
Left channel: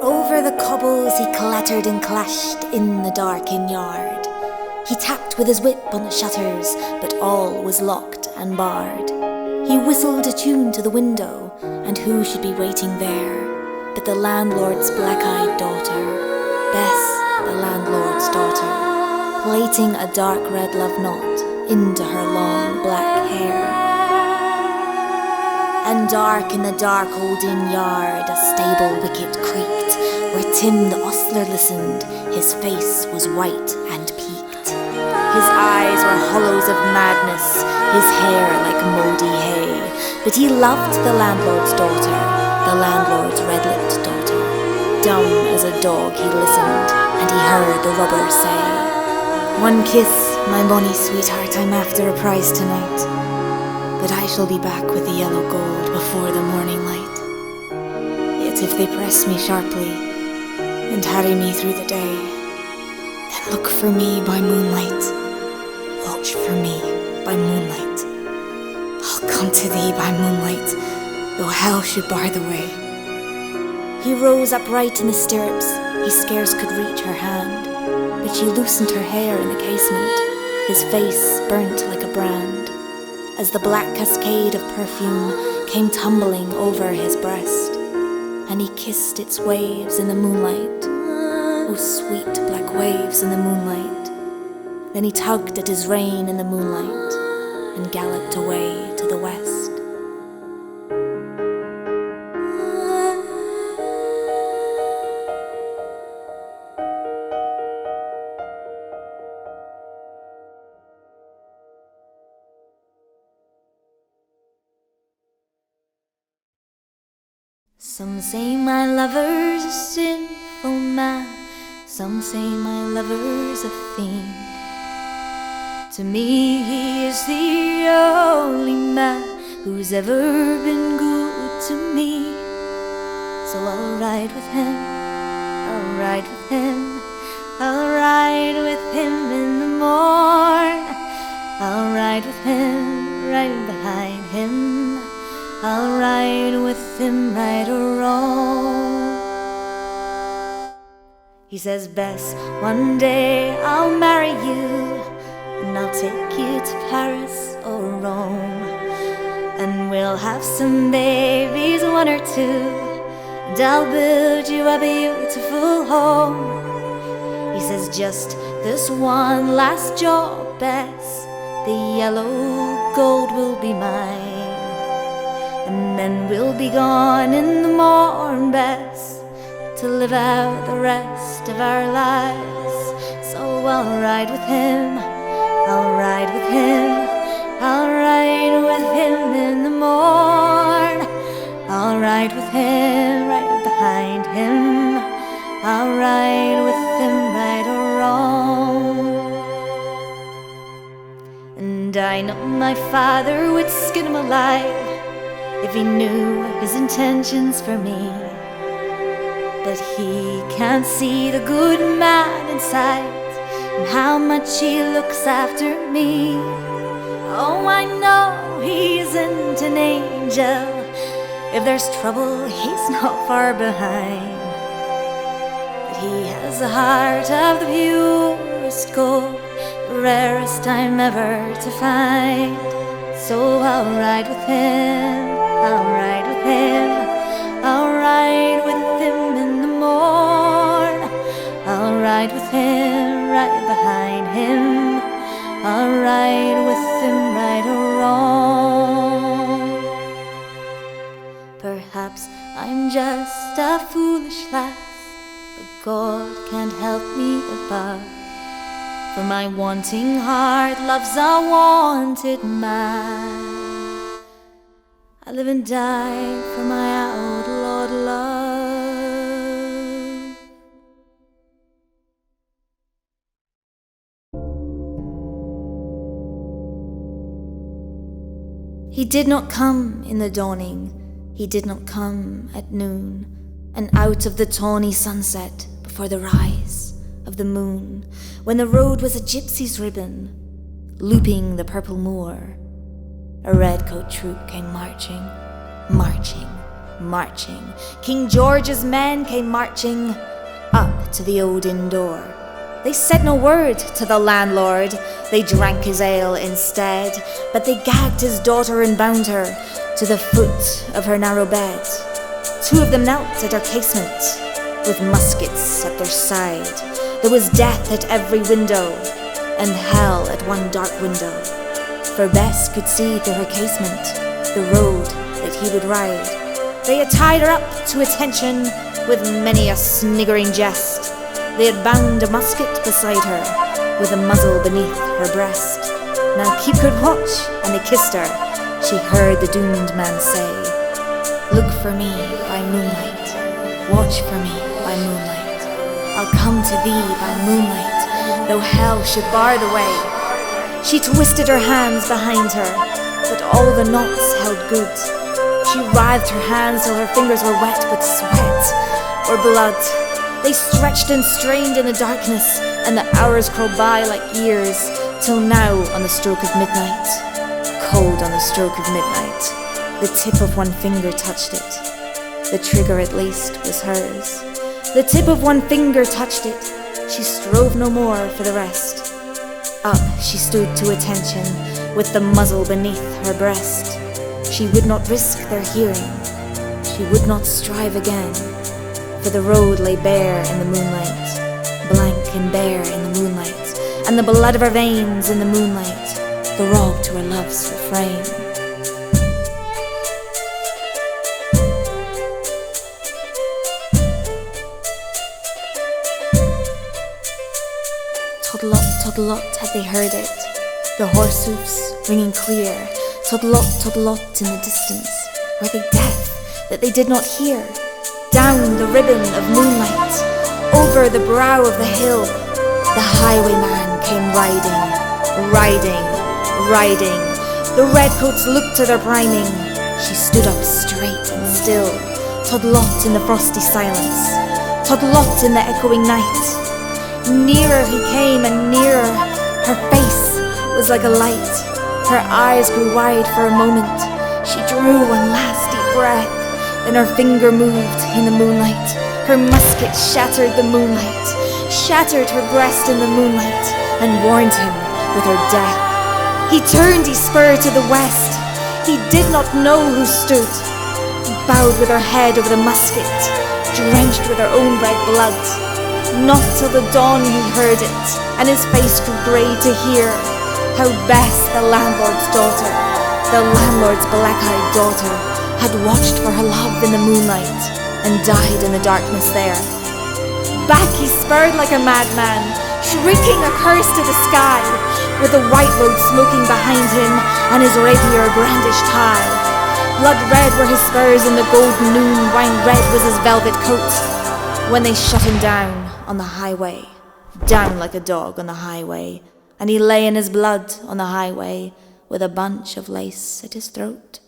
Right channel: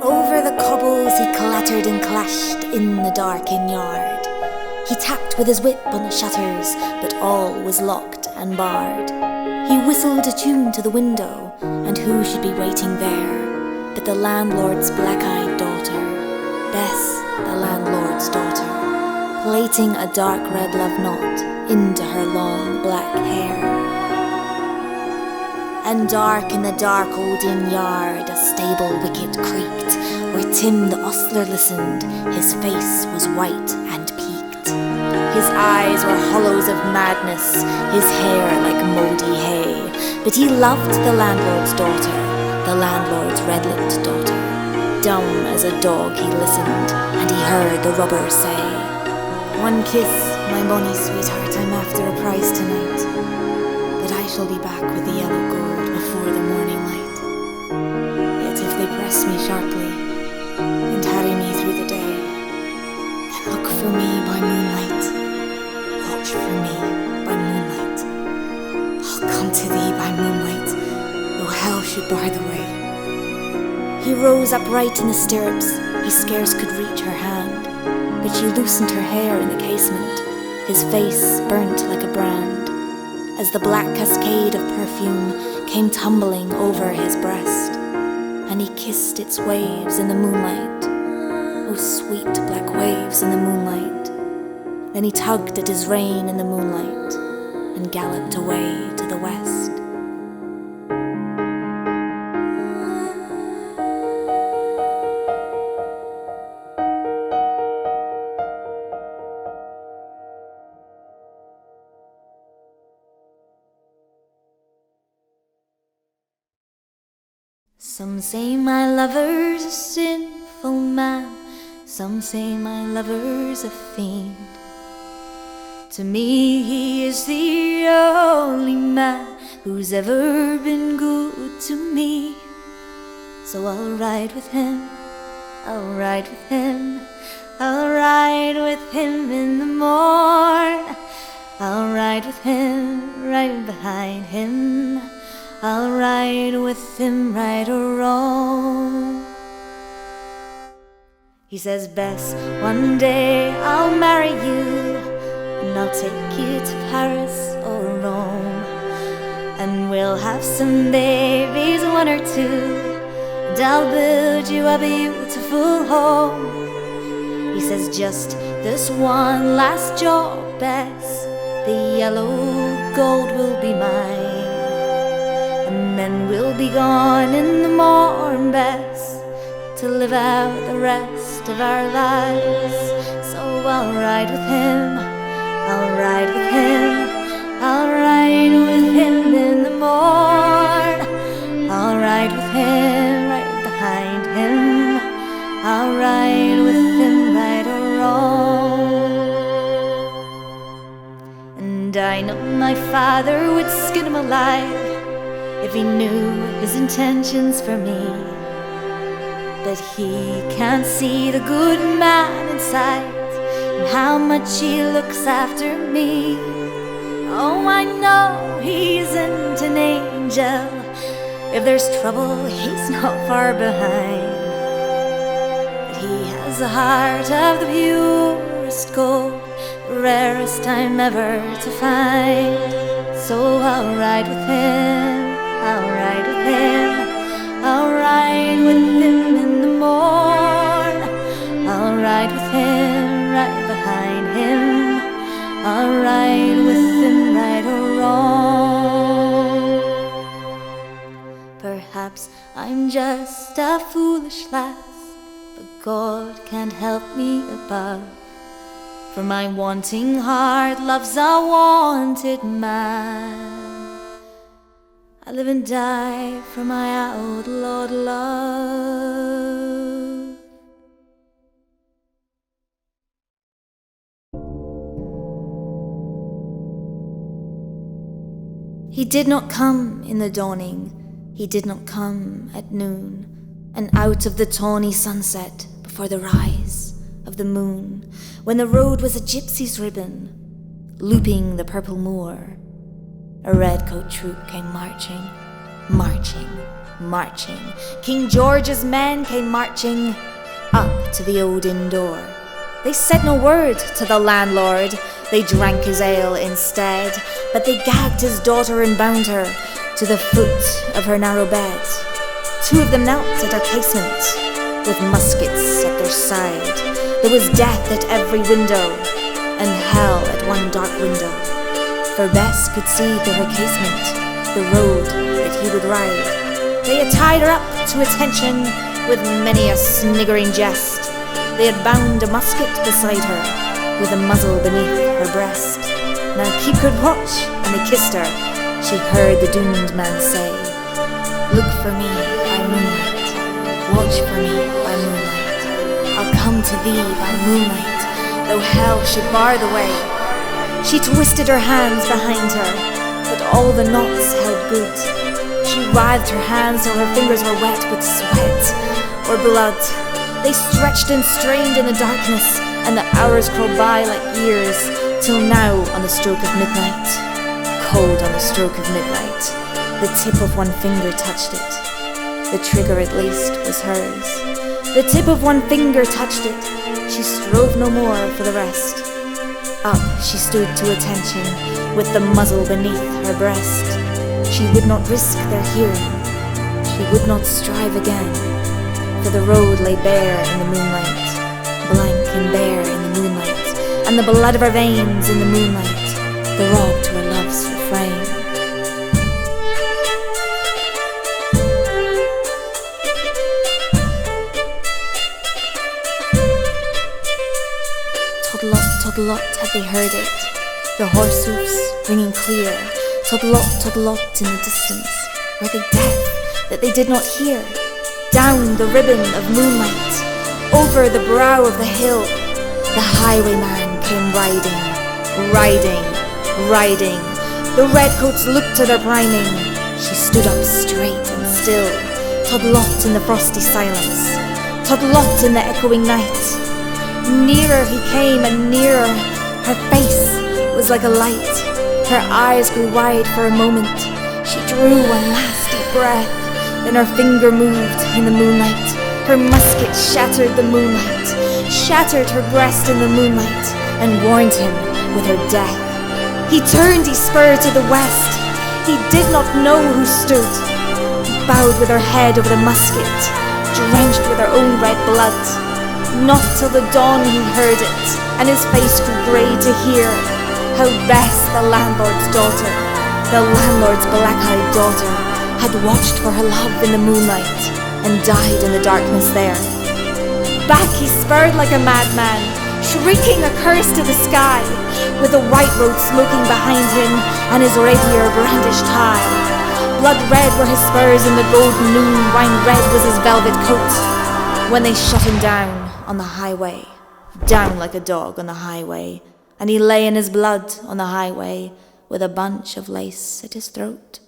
Over the cobbles he clattered and clashed in the darkened yard. He tapped with his whip on the shutters, but all was locked and barred. He whistled a tune to the window, and who should be waiting there but the landlord's black-eyed daughter, Bess, the landlord's daughter, plaiting a dark red love knot into her long black hair. And dark in the dark old inn yard a stable wicket creaked, where Tim the ostler listened. His face was white and peaked. His eyes were hollows of madness, his hair like mouldy hay. But he loved the landlord's daughter, the landlord's red-lipped daughter. Dumb as a dog he listened, and he heard the robber say, "One kiss, my bonny sweetheart, I'm after a prize tonight. But I shall be back with the yellow gold before the morning light. Yet if they press me sharply and harry me through the day, then look for me by moonlight, watch for me by moonlight. I'll come to thee by moonlight, though hell should bar the way." He rose upright in the stirrups, he scarce could reach her hand, but she loosened her hair in the casement, his face burnt like a brand, as the black cascade of perfume came tumbling over his breast, and he kissed its waves in the moonlight, oh sweet black waves in the moonlight. Then he tugged at his rein in the moonlight and galloped away to the west. Some say my lover's a sinful man, some say my lover's a fiend. To me he is the only man who's ever been good to me. So I'll ride with him, I'll ride with him, I'll ride with him in the morn. I'll ride with him, right behind him, I'll ride with him right or wrong. He says, "Bess, one day I'll marry you, and I'll take you to Paris or Rome, and we'll have some babies, one or two, and I'll build you a beautiful home." He says, "Just this one last job, Bess, the yellow gold will be mine, and then we'll be gone in the morn, Bess, to live out the rest of our lives. So I'll ride with him, I'll ride with him, I'll ride with him in the morn. I'll ride with him right behind him, I'll ride with him right or wrong. And I know my father would skin him alive if he knew his intentions for me. But he can't see the good man inside and how much he looks after me. Oh, I know he isn't an angel. If there's trouble, he's not far behind. But he has the heart of the purest gold, the rarest I'm ever to find. So I'll ride with him, I'll ride with him, I'll ride with him in the morn. I'll ride with him, right behind him, I'll ride with him, right or wrong. Perhaps I'm just a foolish lass, but God can't help me above. For my wanting heart loves a wanted man. I live and die for my outlawed love. He did not come in the dawning, he did not come at noon, and out of the tawny sunset before the rise of the moon, when the road was a gypsy's ribbon, looping the purple moor, a redcoat troop came marching, marching, marching. King George's men came marching up to the old inn door. They said no word to the landlord, they drank his ale instead, but they gagged his daughter and bound her to the foot of her narrow bed. Two of them knelt at her casement, with muskets at their side. There was death at every window, and hell at one dark window. For Bess could see through her casement the road that he would ride. They had tied her up to attention with many a sniggering jest. They had bound a musket beside her, with a muzzle beneath her breast. Now keep good watch, and they kissed her. She heard the doomed man say, "Look for me by moonlight, watch for me by moonlight. I'll come to thee by moonlight, though hell should bar the way." She twisted her hands behind her, but all the knots held good. She writhed her hands till her fingers were wet with sweat or blood. They stretched and strained in the darkness, and the hours crawled by like years, till now on the stroke of midnight, cold on the stroke of midnight, the tip of one finger touched it. The trigger at least was hers. The tip of one finger touched it. She strove no more for the rest. Up she stood to attention, with the muzzle beneath her breast. She would not risk their hearing, she would not strive again, for the road lay bare in the moonlight, blank and bare in the moonlight, and the blood of her veins in the moonlight, the rob to her love's refrain. Toddlot, toddlot, had they heard it, the horse hoofs ringing clear. Toddlot, toddlot in the distance, were they deaf that they did not hear? Down the ribbon of moonlight, over the brow of the hill, the highwayman came riding, riding, riding. The redcoats looked to their priming. She stood up straight and still, Toddlot in the frosty silence, Toddlot in the echoing night. Nearer he came and nearer, her face was like a light. Her eyes grew wide for a moment. She drew one last deep breath, then her finger moved in the moonlight. Her musket shattered the moonlight, shattered her breast in the moonlight, and warned him with her death. He turned, he spurred to the west. He did not know who stood, bowed with her head over the musket, drenched with her own red blood. Not till the dawn he heard it, and his face grew grey to hear how Bess, the landlord's daughter, the landlord's black-eyed daughter, had watched for her love in the moonlight and died in the darkness there. Back he spurred like a madman, shrieking a curse to the sky, with the white road smoking behind him and his rapier brandished high. Blood red were his spurs in the golden noon, wine red was his velvet coat, when they shut him down on the highway, down like a dog on the highway, and he lay in his blood on the highway with a bunch of lace at his throat.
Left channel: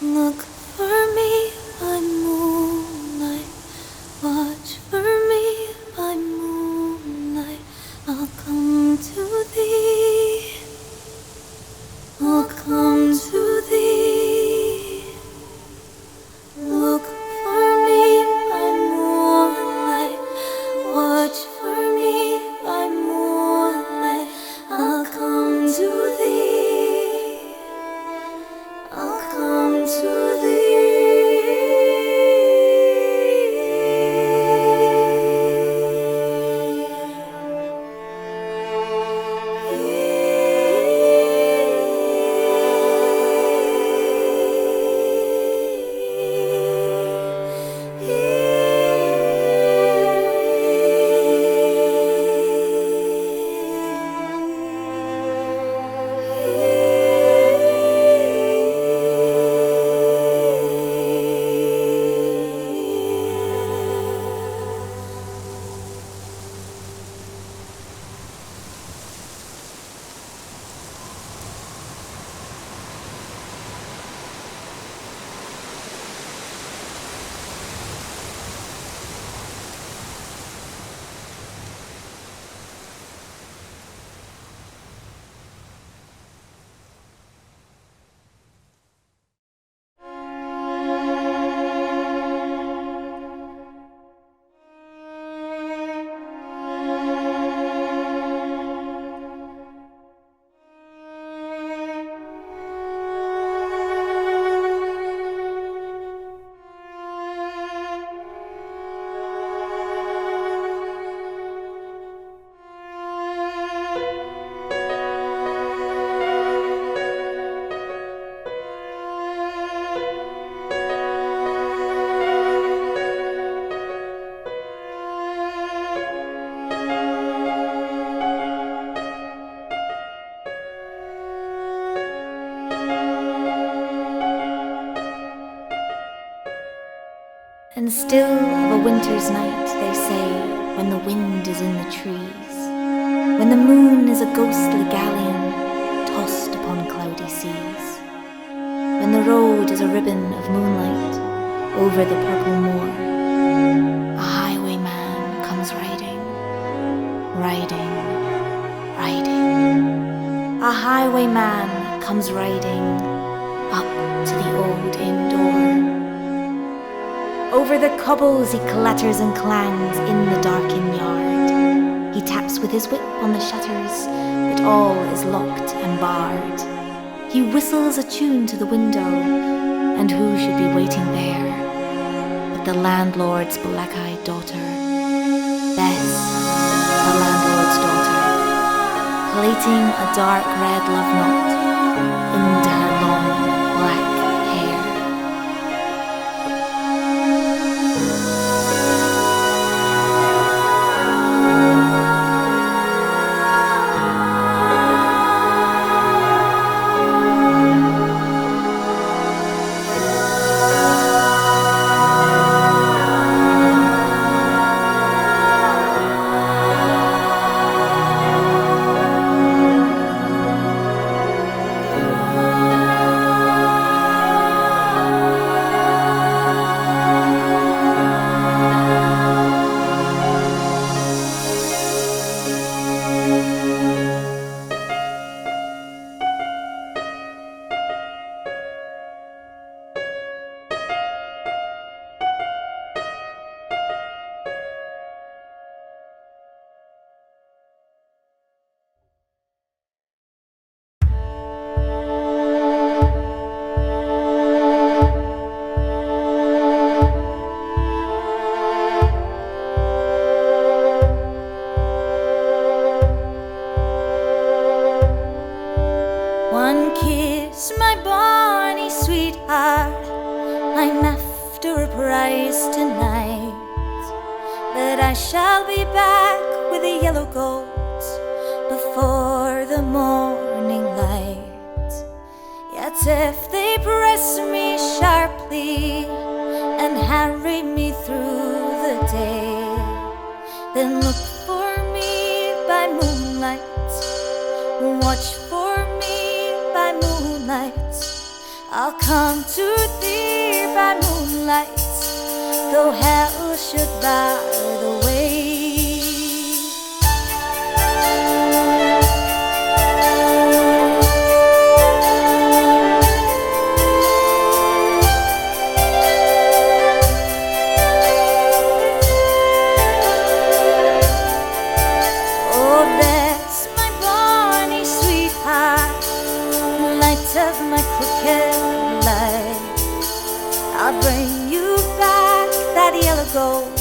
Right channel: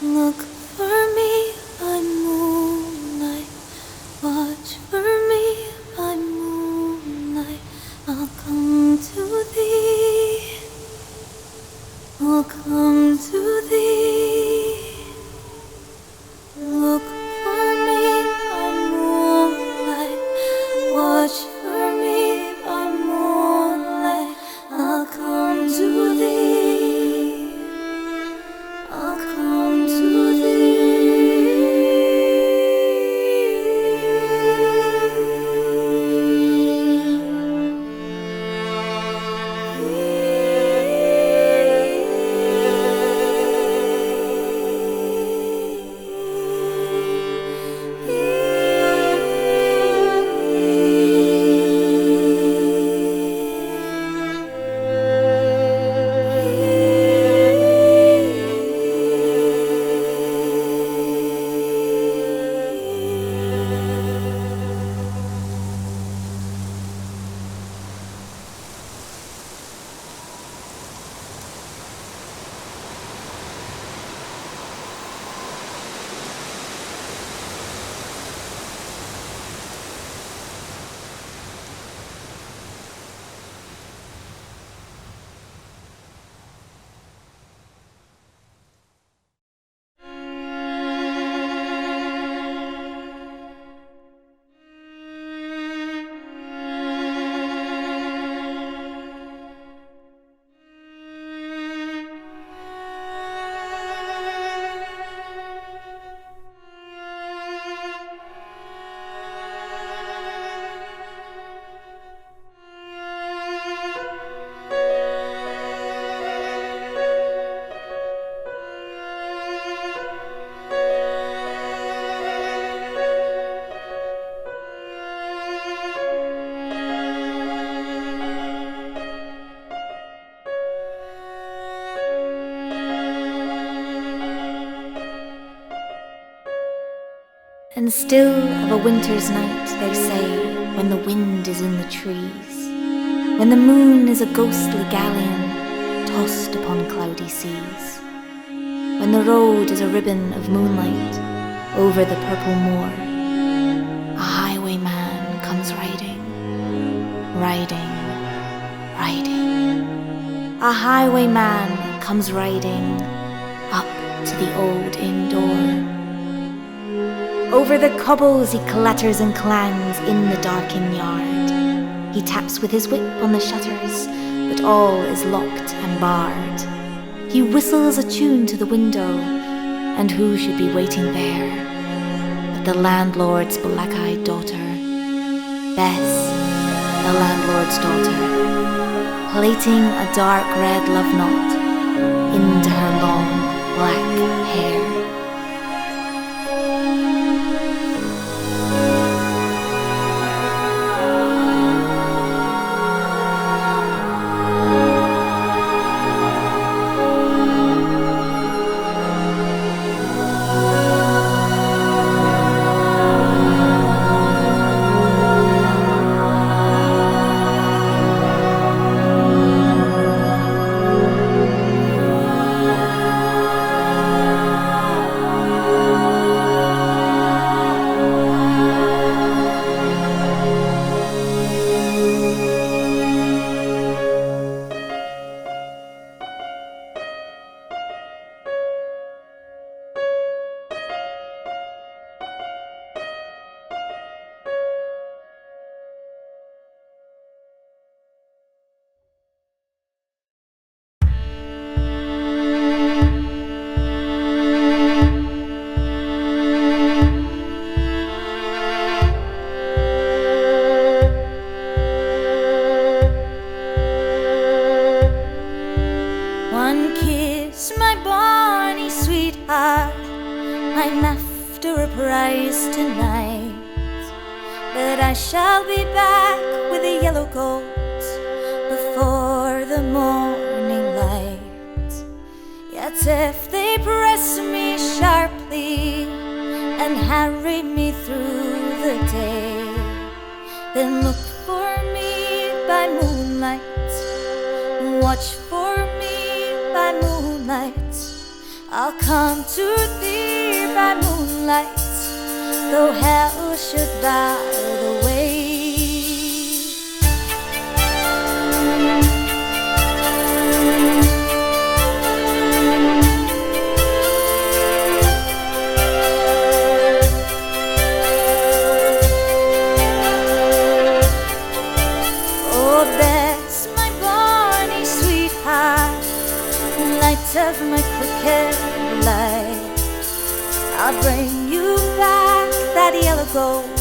Look for me by moonlight, watch for me by moonlight. I'll come to thee, I'll come to thee. Look for me by moonlight, watch for me by moonlight. I'll come to thee, I'll come to thee. And still of a winter's night, they say, when the wind is in the trees, when the moon is a ghostly galleon tossed upon cloudy seas, when the road is a ribbon of moonlight over the purple moor, a highwayman comes riding, riding, riding. A highwayman comes riding up to the old inn door. Over the cobbles he clatters and clangs in the darkened yard. He taps with his whip on the shutters, but all is locked and barred. He whistles a tune to the window, and who should be waiting there but the landlord's black-eyed daughter, Bess, the landlord's daughter, plaiting a dark red love knot into her long black hair. One kiss, my bonny sweetheart, I'm after a prize tonight, but I shall be back with the yellow gold before the morning light. Yet if they press me sharply and harry me through the day, then look for me by moonlight, watch for me by moonlight. I'll come to thee by moonlight, though hell should bar the way. Oh, Bess, my bonny sweetheart, light of my crooked life, I'll bring you back that yellow gold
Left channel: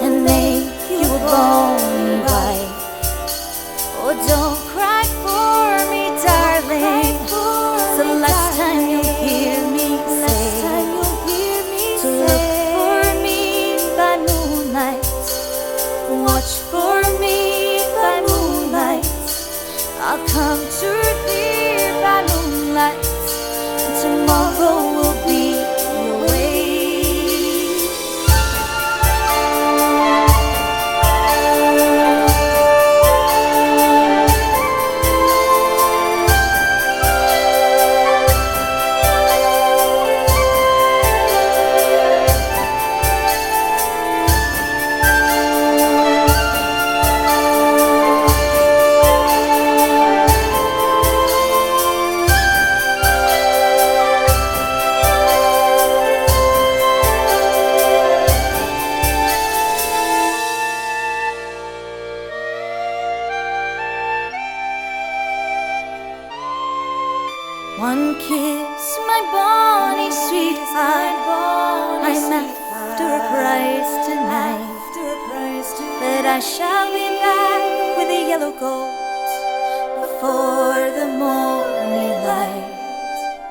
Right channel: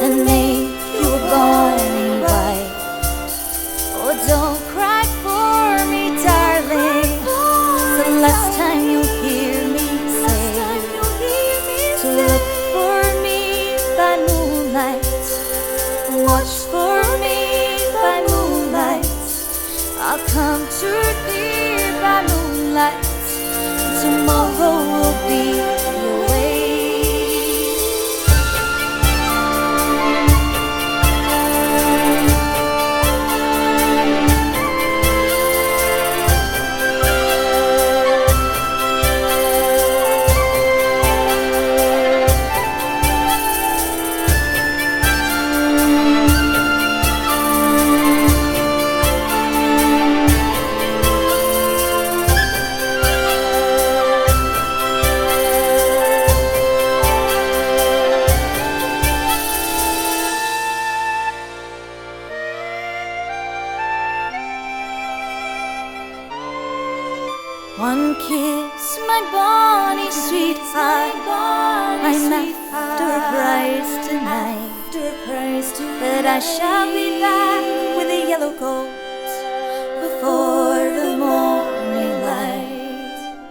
and make you a bonny wife. Oh, don't cry for me, darling, it's the last time you'll hear me say to look for me by moonlight, watch for me by moonlight. I'll come to thee by moonlight, and tomorrow will be away. One kiss, my bonny sweetheart, I'm after a prize tonight, but I shall be back with the yellow gold before the morning light.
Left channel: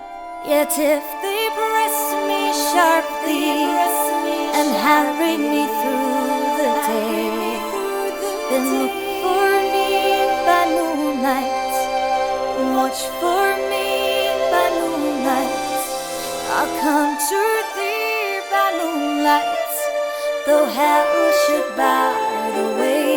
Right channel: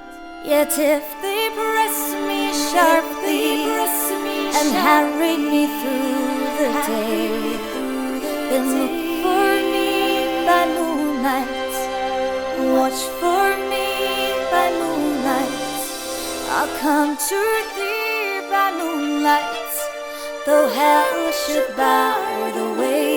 Yet if they press me sharply and harry me through the day, then look for me by moonlight, watch for me by moonlight. I'll come to thee by moonlight, though hell should bar the way.